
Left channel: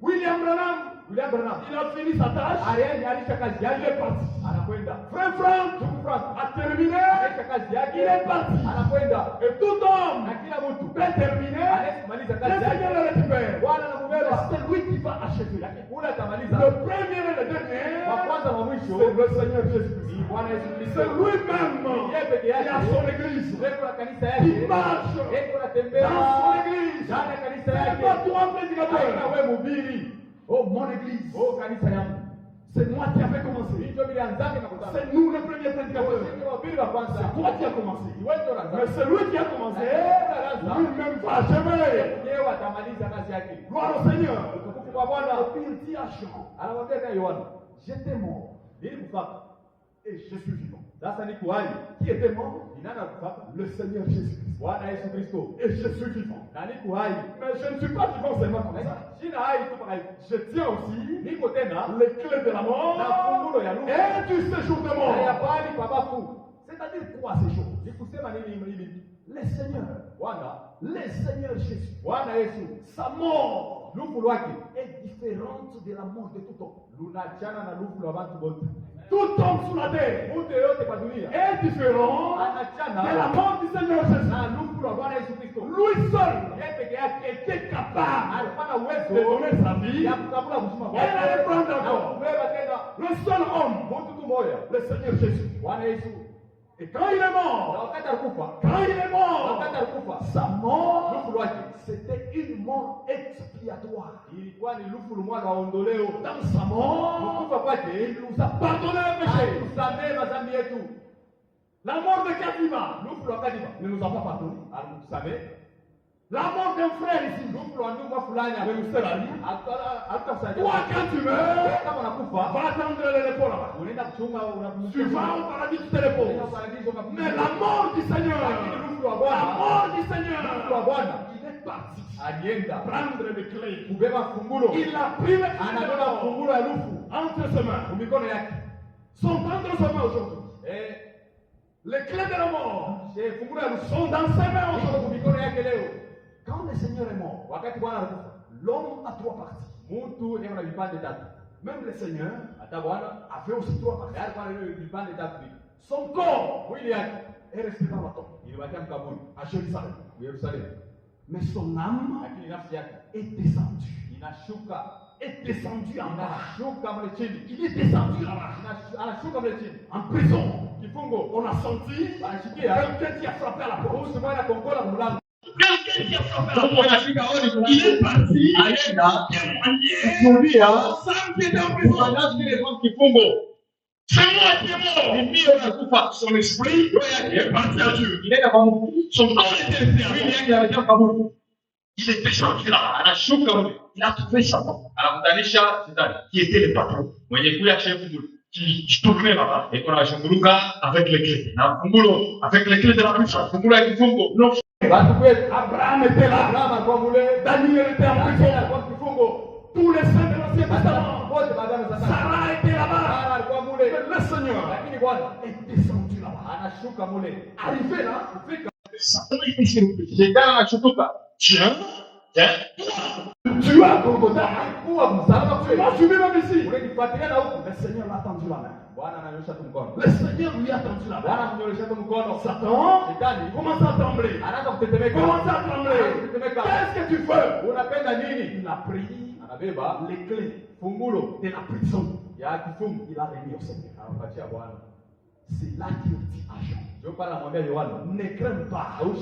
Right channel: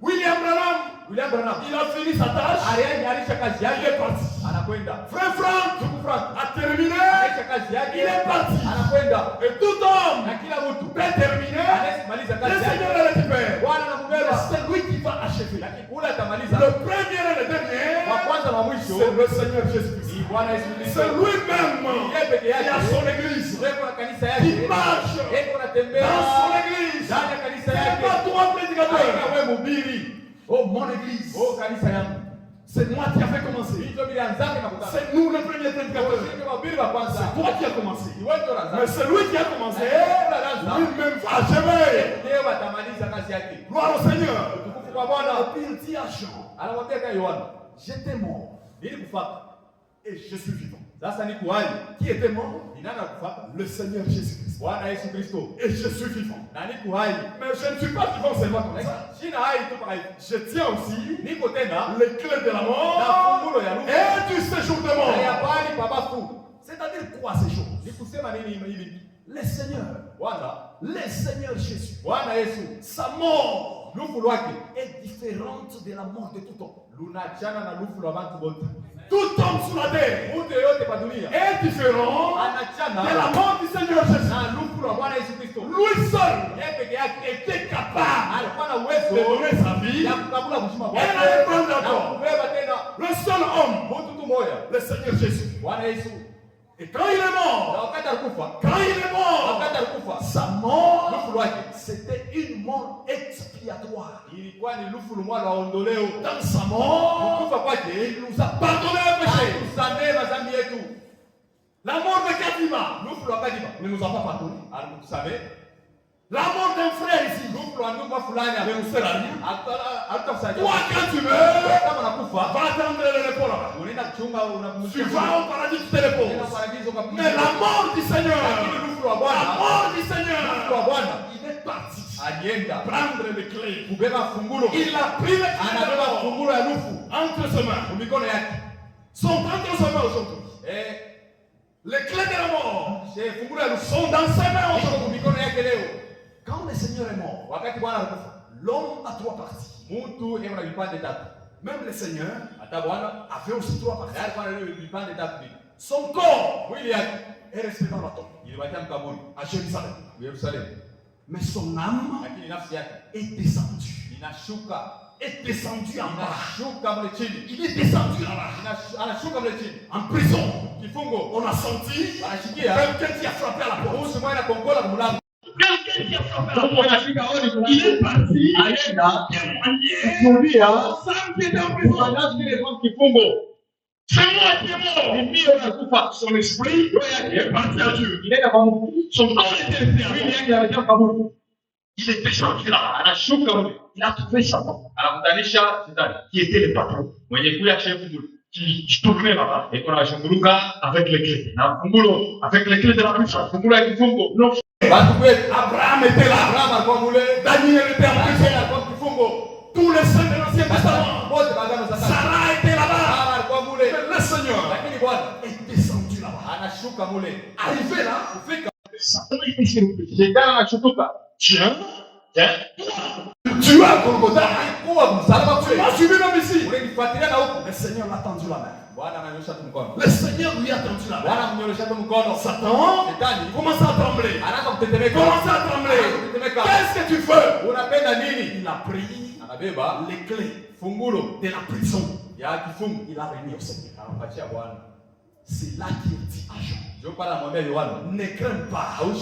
William Branham, William Branham il a fini sa tâche. alianisha kazi Il est yake parti. anakwenda. Frère Franck Ndugu Frank a terminé. anaisha kazi yake Il est parti. anakwenda. Et tout homme Na kila mtu peut terminer. anayemaliza Le kazi Seigneur yake le récupère. Bwana anambeba. C'est lui qui va achever. Lakini kule atamaliza. Le premier et le Wa dernier, kwanza na mwisho c'est le Seigneur Jésus-Christ. ni Bwana Yesu Kristo. C'est lui-même Yeye peke qui a yake son église. Yeye na kanisa Qui yake. marche Yeye anatembea dans son église. ndani ya kanisa C'est yake. pas toi prédicateur. Haina wewe mhubiri. Oh, mon église. Oh kanisa yangu. C'est moi qui avais commencé. Ndio bila anzake na kutana. C'est nous les premiers prédicateurs. Sisi wahubiri wa kwanza. C'est toi qui as commencé. Ni wewe ndio Mais unaanza. c'est lui qui a commencé. Lui-même va achever. Yeye atamaliza kazi yake. Gloire au Seigneur. Utukufu kwa Bwana. Et puis il dit à Jean, Anamwambia kwa Yohana, j'étais mort nilikufaka. et je suis vivant. Sasa niko hai. Qui était mort? Ni nani akufaka? Le Seigneur Jésus-Christ. Bwana Yesu Kristo. Et je suis vivant. Na niko hai. Mais je ne suis pas vivant seulement comme ça. Sina hai tu paka hivi. Je tiens aussi Niko tena les clés de la na mort fungulo ya lufu. et du séjour de Na ya mort. bali pa bafu. C'est-à-dire quoi ces choses? Ni kusema nini hivi? Le Seigneur, Bwana, le Seigneur Jésus, Bwana Yesu, sa mort lufu lwake est différente de la mort de tout homme. lunachana na lufu lwa bantu bote. Tout homme sur la terre Mtu yeyote pa dunia est différent anachana de la mort du Seigneur Jésus. na lufu lwa Bwana Yesu Kristo. Lui seul Yeye peke yake était capable alikuwa na de uwezo donner sa vie ya kukabula kushima et la reprendre na encore. kubeba tena Le seul homme, mtu tu moja, le Seigneur Jésus. Bwana Yesu. Et quand il est Na mort, wakati alikufa, quand il est mort, wakati alikufa, sa mort, lufu lwake c'était une mort expiatoire. ilikuwa ni lufu lumwa lwa ondoleo. Dans sa mort, Kufa kwake il nous a pardonné le péché. alitusamehe madhambi yetu. La mort de Kadima Lufu lwa Kadima ne nous a pas pardonné. alikutusamehe. La mort d'un frère ici Lufu lwa ndugu fulani ne nous fait rien. alitukusaidia. Toi, quand tu meurs, Kama unakufa va attendre le repos là-bas. unaenda kuchunga Tu unapumzika. vas au paradis, tu te Unaenda reposes. paradiso kapumzika. Mais la mort du Seigneur, Lakini lufu lwa la Bwana, mort du lufu lwa Seigneur, Bwana il est parti alienda prendre les clés. kubeba fungulo. Il a pris les clés de la Anabeba mort fungulo ya lufu entre ses mains. kwa mikono yake. Sont entre ses mains aujourd'hui. Les clés de la mort Fungulo ya lufu sont dans ses mains iko kwa aujourd'hui. mikono yake leo. Quand le Seigneur est mort, Wakati Bwana alikufa, l'homme a trois parties. mtu yeye ana vipande tatu. Même le Seigneur Hata Bwana avait aussi trois parties. tayari kwa leo vipande tatu hivi. Son corps Mwili yake est resté dans la tombe ilibakia mkaburi à Jérusalem. Yerusalemu, Mais son âme lakini nafsi yake est descendue. inashuka Est descendue en bas. inashuka mle chini, Il est descendu en bas. anashuka mle chini. En prison. Kifungo On a senti anashikia quelqu'un qui a frappé à la porte. kuhusu mwana kongola mlango. Quelqu'un celui qui a frappé la porte, il est parti témoigner aux femmes qui étaient en prison. C'est moi qui est mort. Son esprit est parti à Dieu. Son corps était enterré. Il était sorti là. Il a trouvé Satan, qui était le patron, qui tournait là-bas avec les clés. Avec les clés de la prison. Abraham était là. Daniel était en prison. Tous les saints de l'Ancien Testament. Sarah était là-bas. Le Seigneur est descendu là-bas. Arrivé là, Satan était sur le péché. Tiens, tu as Golgotha. Tu m'as suivi même ici. Le Seigneur l'a tendu la main. Le Seigneur lui a tendu la main. Satan commence à trembler. Qu'est-ce que tu fais? Il a pris les clés de la prison. Il a remis au Seigneur. C'est là qu'il dit à Jean, ne crains pas. Moi,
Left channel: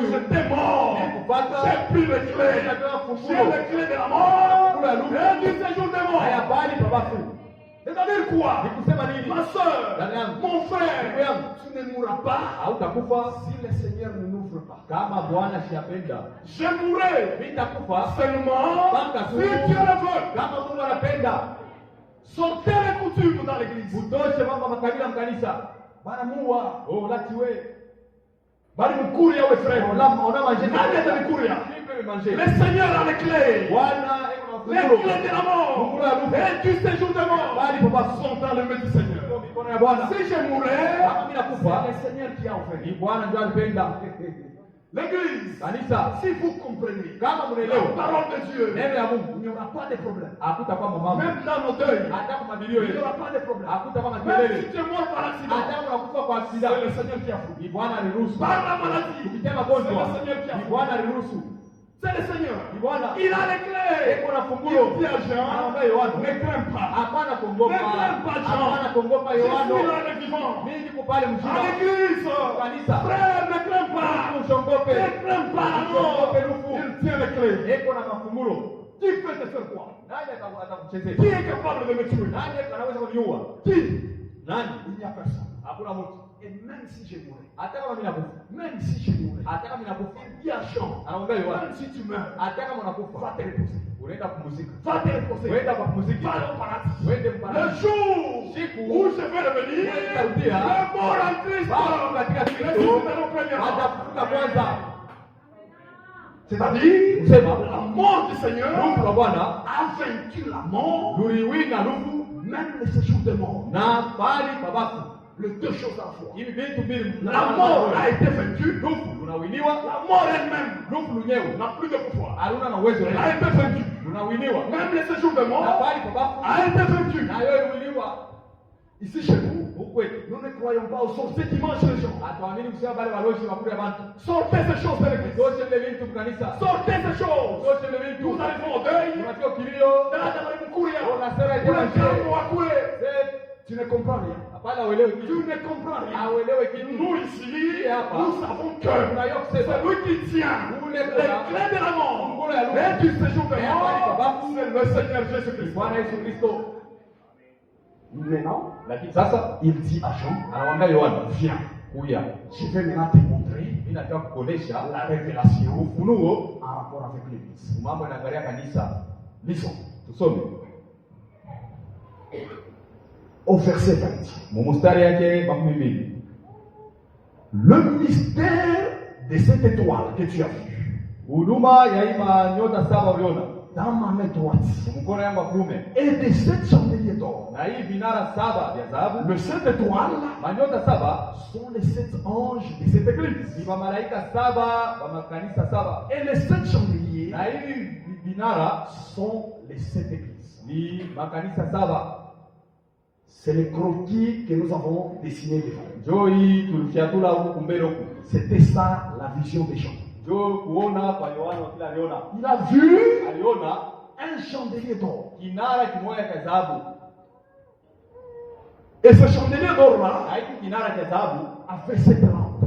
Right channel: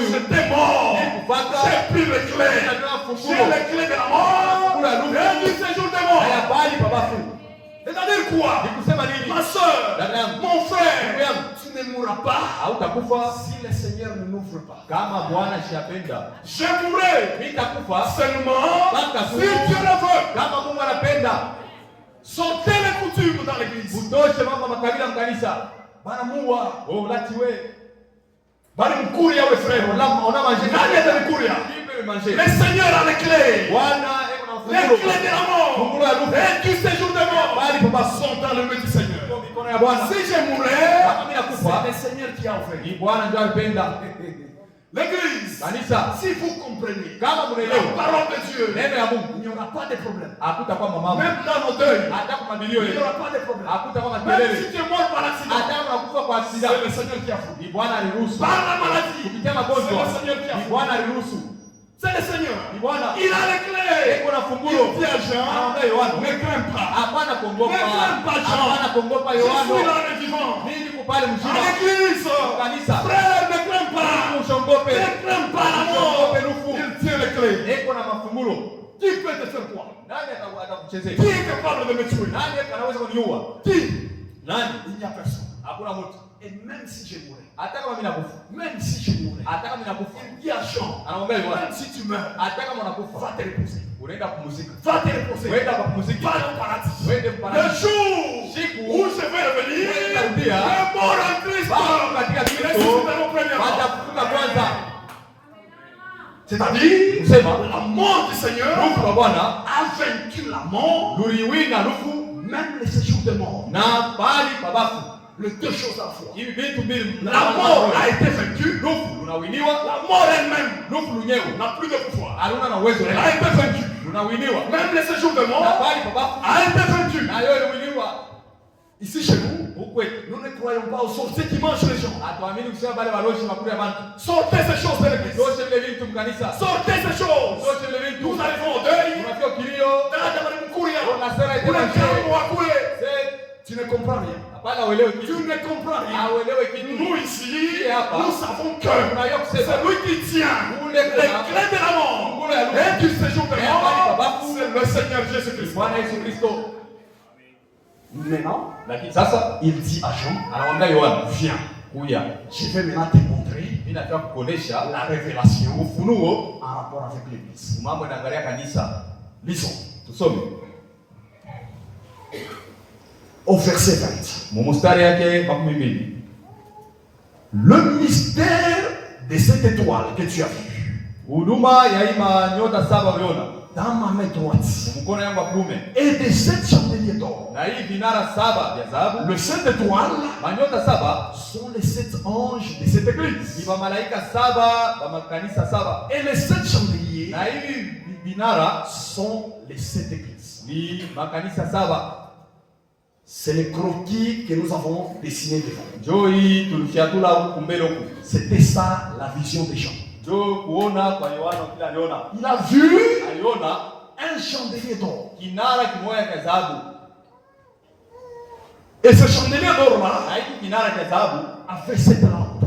j'étais mort. J'ai pris les clés. J'ai les clés de la mort et du séjour des morts. C'est-à-dire quoi? Ma soeur, mon frère, tu ne mourras pas si le Seigneur ne m'ouvre pas. Je mourrai seulement si Dieu le veut. Sortez les coutumes dans l'église. Le Seigneur a les clés. Les clés de la mort et du séjour de mort sont dans le main du Seigneur. Si je mourais, c'est le Seigneur qui a offert. L'église, si vous comprenez la parole de Dieu, il n'y aura pas de problème. Même dans nos deuils, il n'y aura pas de problème. Même si tu es mort par accident, c'est le Seigneur qui a fait. Par la maladie, c'est le Seigneur qui a fait. C'est le Seigneur. Il a les clés. Il dit à Jean, ne crains pas. Ne crains pas, Jean. Je suis là le vivant. À l'église, frère, ne crains pas. Ne crains pas la mort. Il tient les clés. Qui peut te faire quoi? Qui est capable de me tuer? Qui? Il n'y a personne. Et même si je mourais, même si je mourais, il dit à Jean, même si tu meurs, va te reposer. Va te reposer. Va au paradis. Le jour où je vais revenir, le mort en Christ, c'est-à-dire, la mort du Seigneur a vaincu la mort, même les séjours de mort. Les deux choses à la fois. La mort a été vaincue. La mort elle-même n'a plus de pouvoir. Elle a été vaincue. Même les séjours de mort a été vaincu. Ici chez nous, nous ne croyons pas aux sorciers qui mangent les gens. Sortez ces choses de l'église. Sortez ces choses. Nous arrivons au deuil. Tu ne comprends rien. Tu ne comprends rien. Nous ici, nous savons que c'est lui qui tient les clés de la mort et du séjour de mort. C'est le Seigneur Jésus-Christ. Maintenant, il dit à Jean, viens. Je vais maintenant te montrer la révélation en rapport avec l'église. Lisons. Au verset 20. Le mystère de cette étoile que tu as vue dans ma main droite et de sept chandeliers d'or. Les sept étoiles sont les sept anges de cette église. Et les sept chandeliers sont les sept églises. C'est le croquis que nous avons dessiné devant. C'était ça la vision des gens. Il a vu un chandelier d'or. Et ce chandelier d'or là avait sept lampes.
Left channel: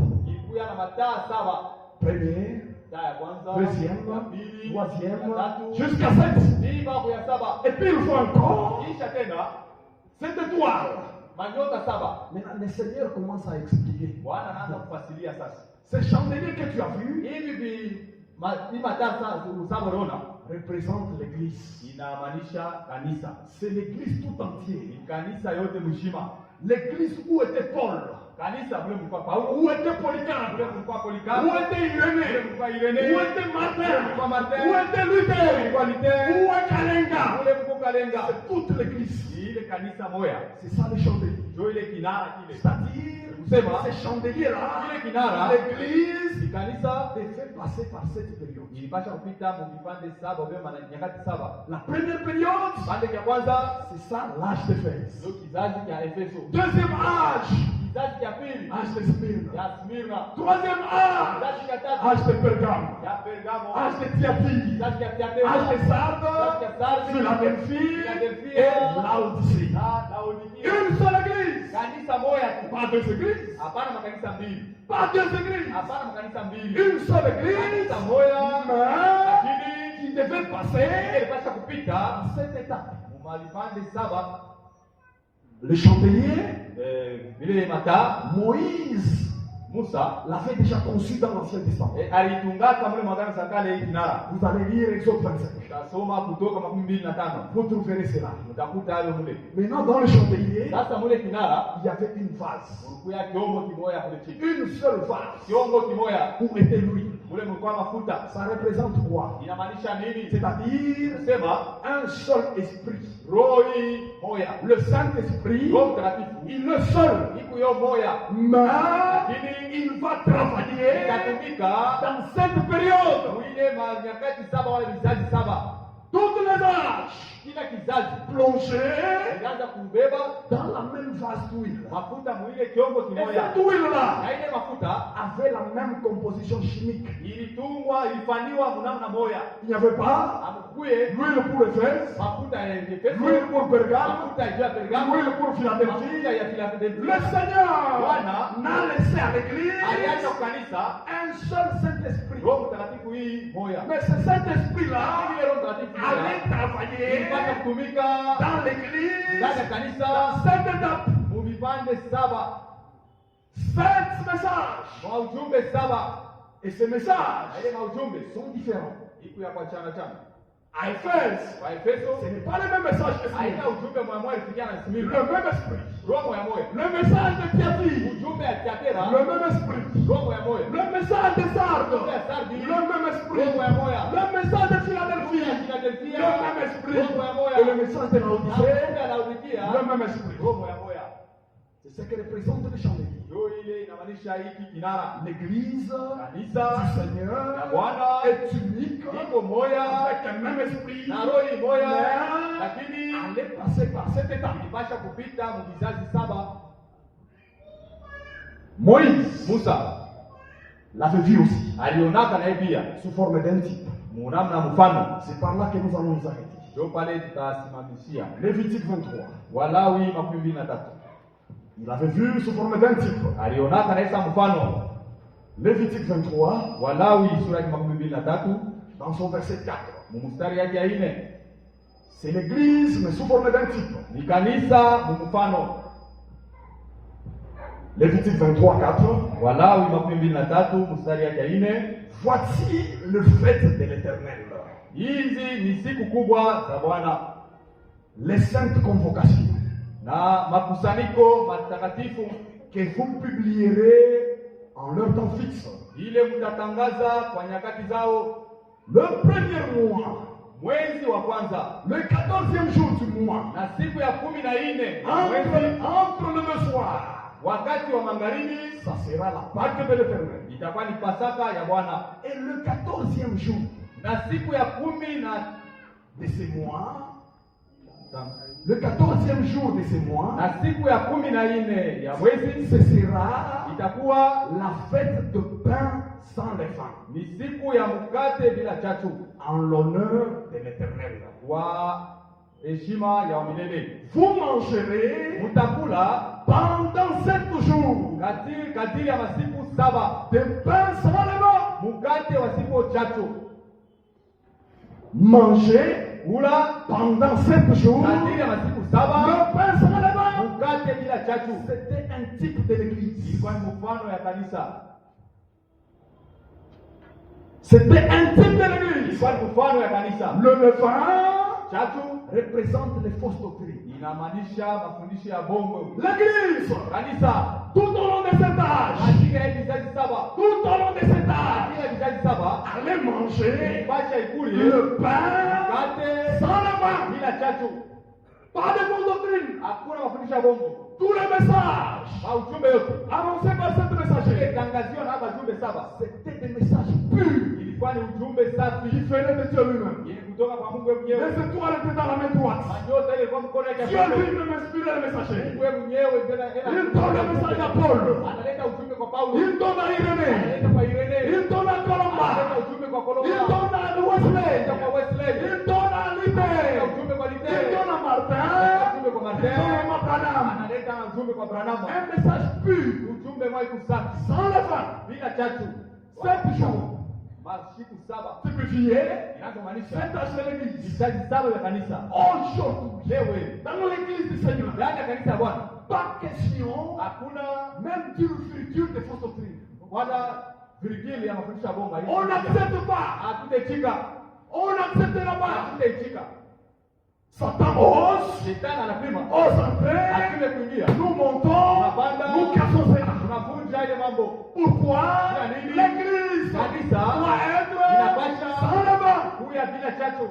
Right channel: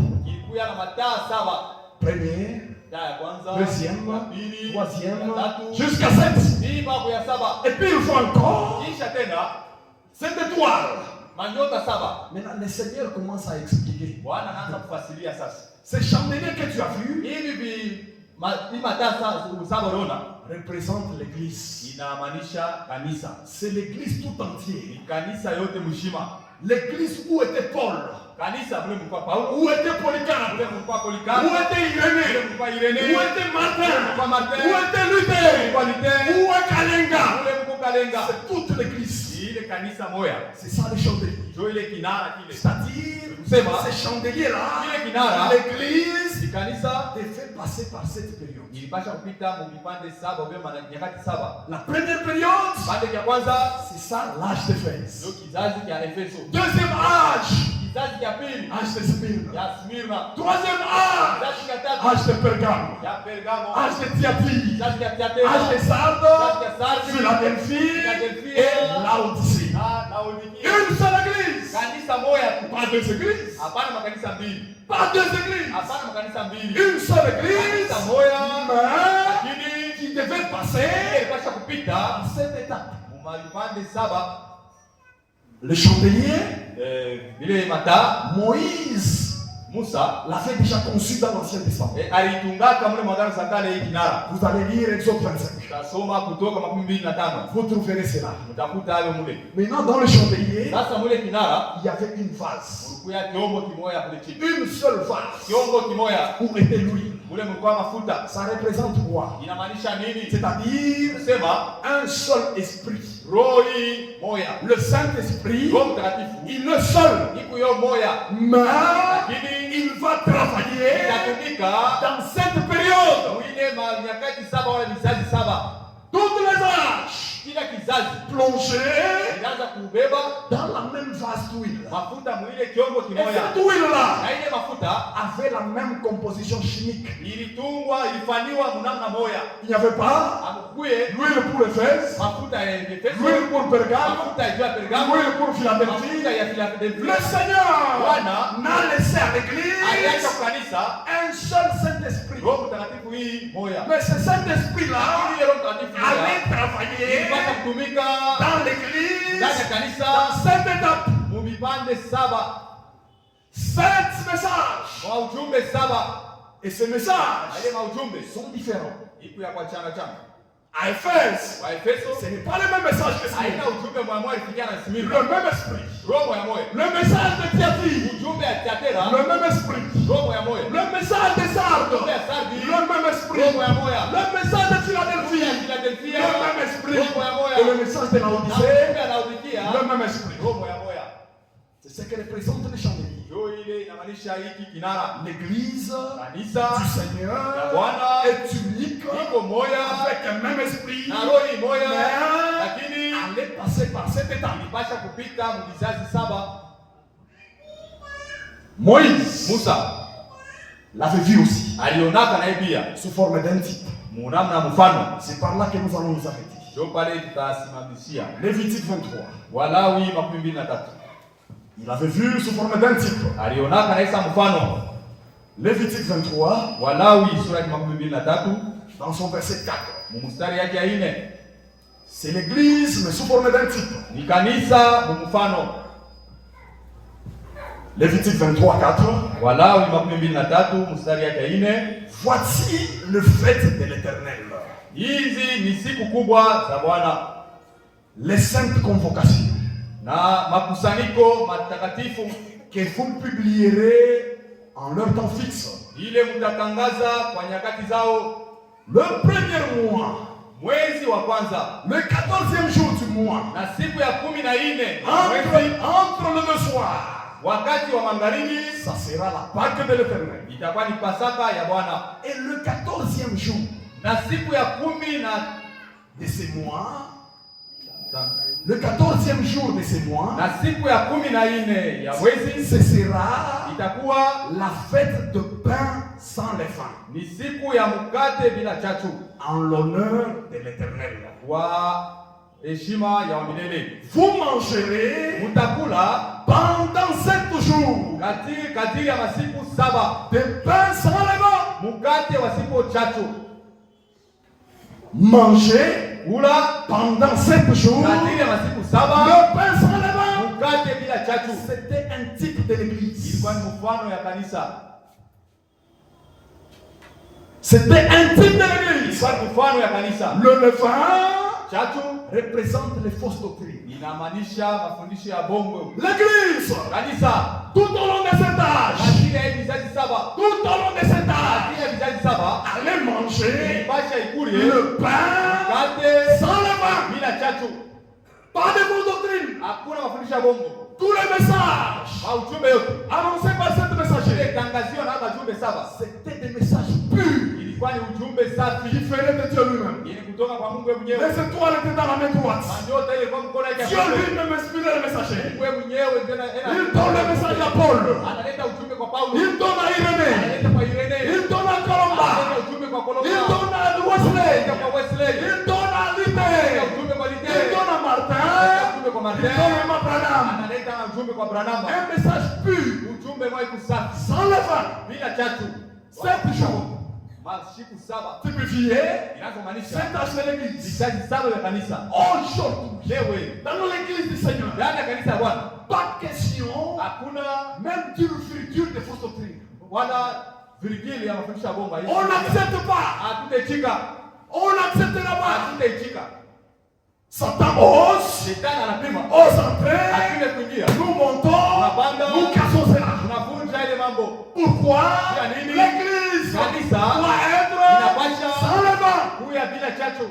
Première, ya kwanza, deuxième, ya pili, troisième, ya tatu, jusqu'à 7. hii mpaka ya saba. Et puis il faut encore Kisha tena cette étoile. manyota saba. Maintenant, le Seigneur commence à expliquer. Bwana anaanza kufasiria sasa. Ces chandeliers que tu as vus Hivi mataa saba unaona représentent l'église. inamaanisha kanisa. C'est l'église tout entière. Ni kanisa yote mzima. L'église où était Paul, Kanisa mle mlikuwa Paulo, où était Polycarpe, mle mlikuwa Polycarpe, où était mle Irénée, mlikuwa Irenee, où était Martin, mlikuwa Martin, où était Luther, mlikuwa Luther, où est Kalenga. mle mlikuwa Kalenga. C'est toute l'église. Ile kanisa moya. C'est ça le chandelier. Ndio ile kinara kile. C'est-à-dire, Kusema ces chandeliers-là, ile kinara l'église ni kanisa devait passer par cette période. ilipasha kupita mu vipande saba au maana nyakati saba. La première période, Kipande cha kwanza c'est ça l'âge d'Éphèse. ndio kizazi cha Efeso. Deuxième âge, Kizazi cha pili âge de Smyrne. ya Smyrna. Troisième âge, Kizazi cha tatu âge de Pergame. ya Pergamo. Âge de Thyatire. Kizazi cha Thiatira. Âge de Sardes, Kizazi cha Sardi. Philadelphie Philadelphia. et Laodicée. Na Laodikia. Une seule église. Kanisa moja tu. Pas deux églises. Hapana makanisa mbili. Pas deux églises. Hapana makanisa mbili. Une seule église. Kanisa moja Mais lakini qui devait passer ilipasha kupita par cette étape. mu vipande saba. Le chandelier, Vile mataa Moïse Musa l'avait déjà conçu dans l'Ancien Testament. alitungaka mle mwagano sa kale hii kinara. Vous allez lire Exode 25. Tasoma Kutoka 25. Vous trouverez cela. Mtakuta hayo mule. Maintenant, dans le chandelier, Sasa mule kinara il y avait une vase. kulikuwa kiombo kimoya kule chini. Une seule vase Kiombo kimoya où était l'huile. mule mlikuwa mafuta. Ça représente quoi? Inamaanisha nini? C'est-à-dire Kusema un seul esprit. roho hii moya. Le Saint-Esprit, Roho Mtakatifu il est seul. iko yo moya. Mais Lakini il va travailler itatumika dans cette période. mwine nyakati saba wala vizazi saba. Toutes les âges Kila kizazi plongés inaanza kubeba dans la même vase d'huile. mafuta mwile kiombo Et kimoya. cette huile-là Na ile mafuta avait la même composition chimique. ilitungwa ilifanywa mnamna moya. Il n'y avait pas Amkuye l'huile pour Éphèse, mafuta ya Efeso, l'huile pour Pergame, mafuta ya Pergamo, l'huile pour mafuta Philadelphie. ya Philadelphia. Le Seigneur Bwana n'a laissé à aliacha l'église kanisa un seul Saint-Esprit. Roho Mtakatifu hii moya. Mais ce Saint-Esprit-là Ile Roho Mtakatifu allait moya travailler ilipasha kutumika dans l'église ndani ya kanisa dans cette étape. mu vipande saba 7 messages. mwa ujumbe saba. Et ces messages Ile maujumbe sont différents. iko ya kwa chana chana. À Éphèse, Wa Efeso ce n'est pas le même message que haina Smyrne. ujumbe moya moya ilifikia na Le Smyrna. même esprit. Roho moya moya. Le message de Thyatire. Ujumbe ya Thiatira Le même esprit. roho moya moya. Le message de Sardes. Ujumbe ya Sardi Le même esprit. roho moya moya. Le message de Ujumbe ya Philadelphie. Philadelphia Le même esprit. roho moya moya. Et le message de Na Laodicée. ujumbe ya Laodikia Le même esprit. roho moya moya. C'est ce que représente le chandelier. Ndio ile inamaanisha hiki kinara. L'église Kanisa du Seigneur ya Bwana est unique iko moya avec un même esprit. na roho hii moya, Mais lakini allait passer par cette étape. ilipasha kupita mu vizazi saba. Moïse Musa l'avait vu aussi alionaka naye pia sous forme d'un type. munamna mfano. C'est par là que nous allons nous arrêter. Ndio pale tutasimamishia. Lévitique 23. Walawi 23. Il avait vu sous forme d'un type. Alionaka naye sa mfano. Lévitique 23, Walawi sura ya 23 dans son verset 4. mstari yake ya 4. C'est l'église, mais sous forme d'un type. Ni kanisa mfano. Lévitique 23, 4. Walawi 23 mstari yake ya 4. Voici le fait de l'Éternel. Hizi ni siku kubwa za Bwana Les saintes convocations na makusanyiko matakatifu que vous publierez en leur temps fixe. ile mtatangaza kwa nyakati zao. Le premier mois, Mwezi wa kwanza le 14e jour du mois, na siku ya 14 entre le deux soirs, wakati wa magharibi, ça sera la Pâque de l'Éternel. itakuwa ni Pasaka ya Bwana. Et le 14e jour Na siku ya 10 de ces mois, le 14e jour de ces mois, na siku ya 14 ya mwezi ce sera itakuwa la fête de pain sans levain, ni siku ya mkate bila chachu, en l'honneur de l'Éternel. kwa heshima ya wamilele. Vous mangerez Mutakula pendant 7 jours jours. Kadiri ya masiku 7. Des pains sans levain. Mukate wa siku 3. Manger Kula pendant 7 jours. kadiri ya masiku 7. Le pain sans levain. Mukate bila chachu. C'était un type de l'église. Ilikuwa ni mfano ya kanisa. C'était un type de l'église. Ilikuwa ni mfano ya kanisa. Le levain Chachu représente les fausses doctrines. inamaanisha mafundisho ya bongo. L'église, Kanisa tout au long de cet âge, katika hii vizazi 7, tout au long de cet âge, katika vizazi 7 allait manger basha ikuli le pain mkate sans levain. bila chachu. Pas de fausses doctrines. Hakuna mafundisho ya bongo. Tous les messages Ujumbe yote annoncés par cette messagerie, tangazio na hata jumbe 7 c'était des messages purs ilikuwa ni ujumbe safi, qui venaient de Dieu lui-même. ili kutoka kwa Mungu mwenyewe. Les étoiles étaient dans la main droite. Nyota ile kwa mkono wake. Dieu lui-même inspirait les messagers. Mungu mwenyewe ndio Il donne le message à Paul. analeta ujumbe kwa Paulo, Il donne à Irénée. analeta kwa Irene, Il donne à Colomba. analeta ujumbe kwa Kolomba, Il donne à Wesley. analeta kwa Wesley, Il donne à Lité. analeta ujumbe kwa Il Lite, donne à analeta Martin. ujumbe kwa Il Martin, donne à Branham. analeta ujumbe kwa Branham. Un message pur, Ujumbe mwa kusafi sans levain. bila chachu. 7 jours. Masiku 7 Typifié inazomaanisha cet âge de l'église. vizazi 7 vya kanisa. Aujourd'hui, Leo dans l'église du Seigneur, ndani ya kanisa ya Bwana pas question hakuna même d'une friture de fausse doctrine. wala virgili ya mafundisho ya bongo. On n'accepte pas. Hatutaitika, On n'acceptera pas. hatutaitika. Satan ose, Shetani anapima, ose entrer. apime kuingia, Nous montons, nous cassons cela. tunavunja ile mambo. Pourquoi Ya nini? l'église Kanisa doit être inapasha sans levain? kuya bila chachu,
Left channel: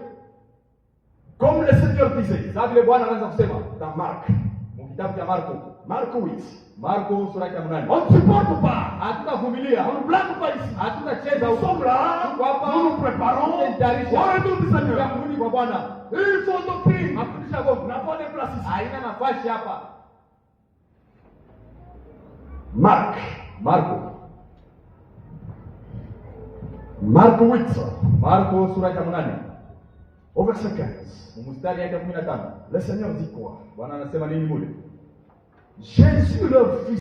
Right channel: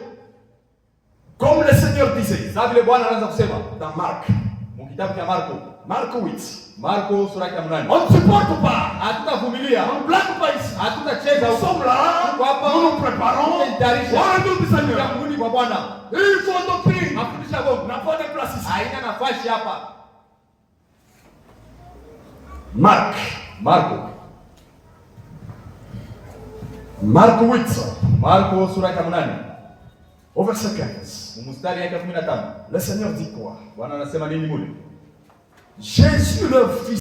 Comme le Seigneur disait sababu vile Bwana anaanza kusema dans Marc, mu kitabu cha Marko, Marc 8. Marko sura ya 8. On ne supporte pas. Hatutavumilia, On ne blague pas ici. hatutacheza Nous huko. sommes là, Tuko hapa, nous nous préparons au tunajitayarisha retour du ya Seigneur. kurudi kwa Bwana. Il faut doctrine. Mafundisho ya bongo N'a pas de place ici. haina nafasi hapa. Marc. Marc 8, Marko sura ya 8 au verset 15. mstari yake 15. Le Seigneur dit quoi? Bwana anasema nini mule? Jésus leur fit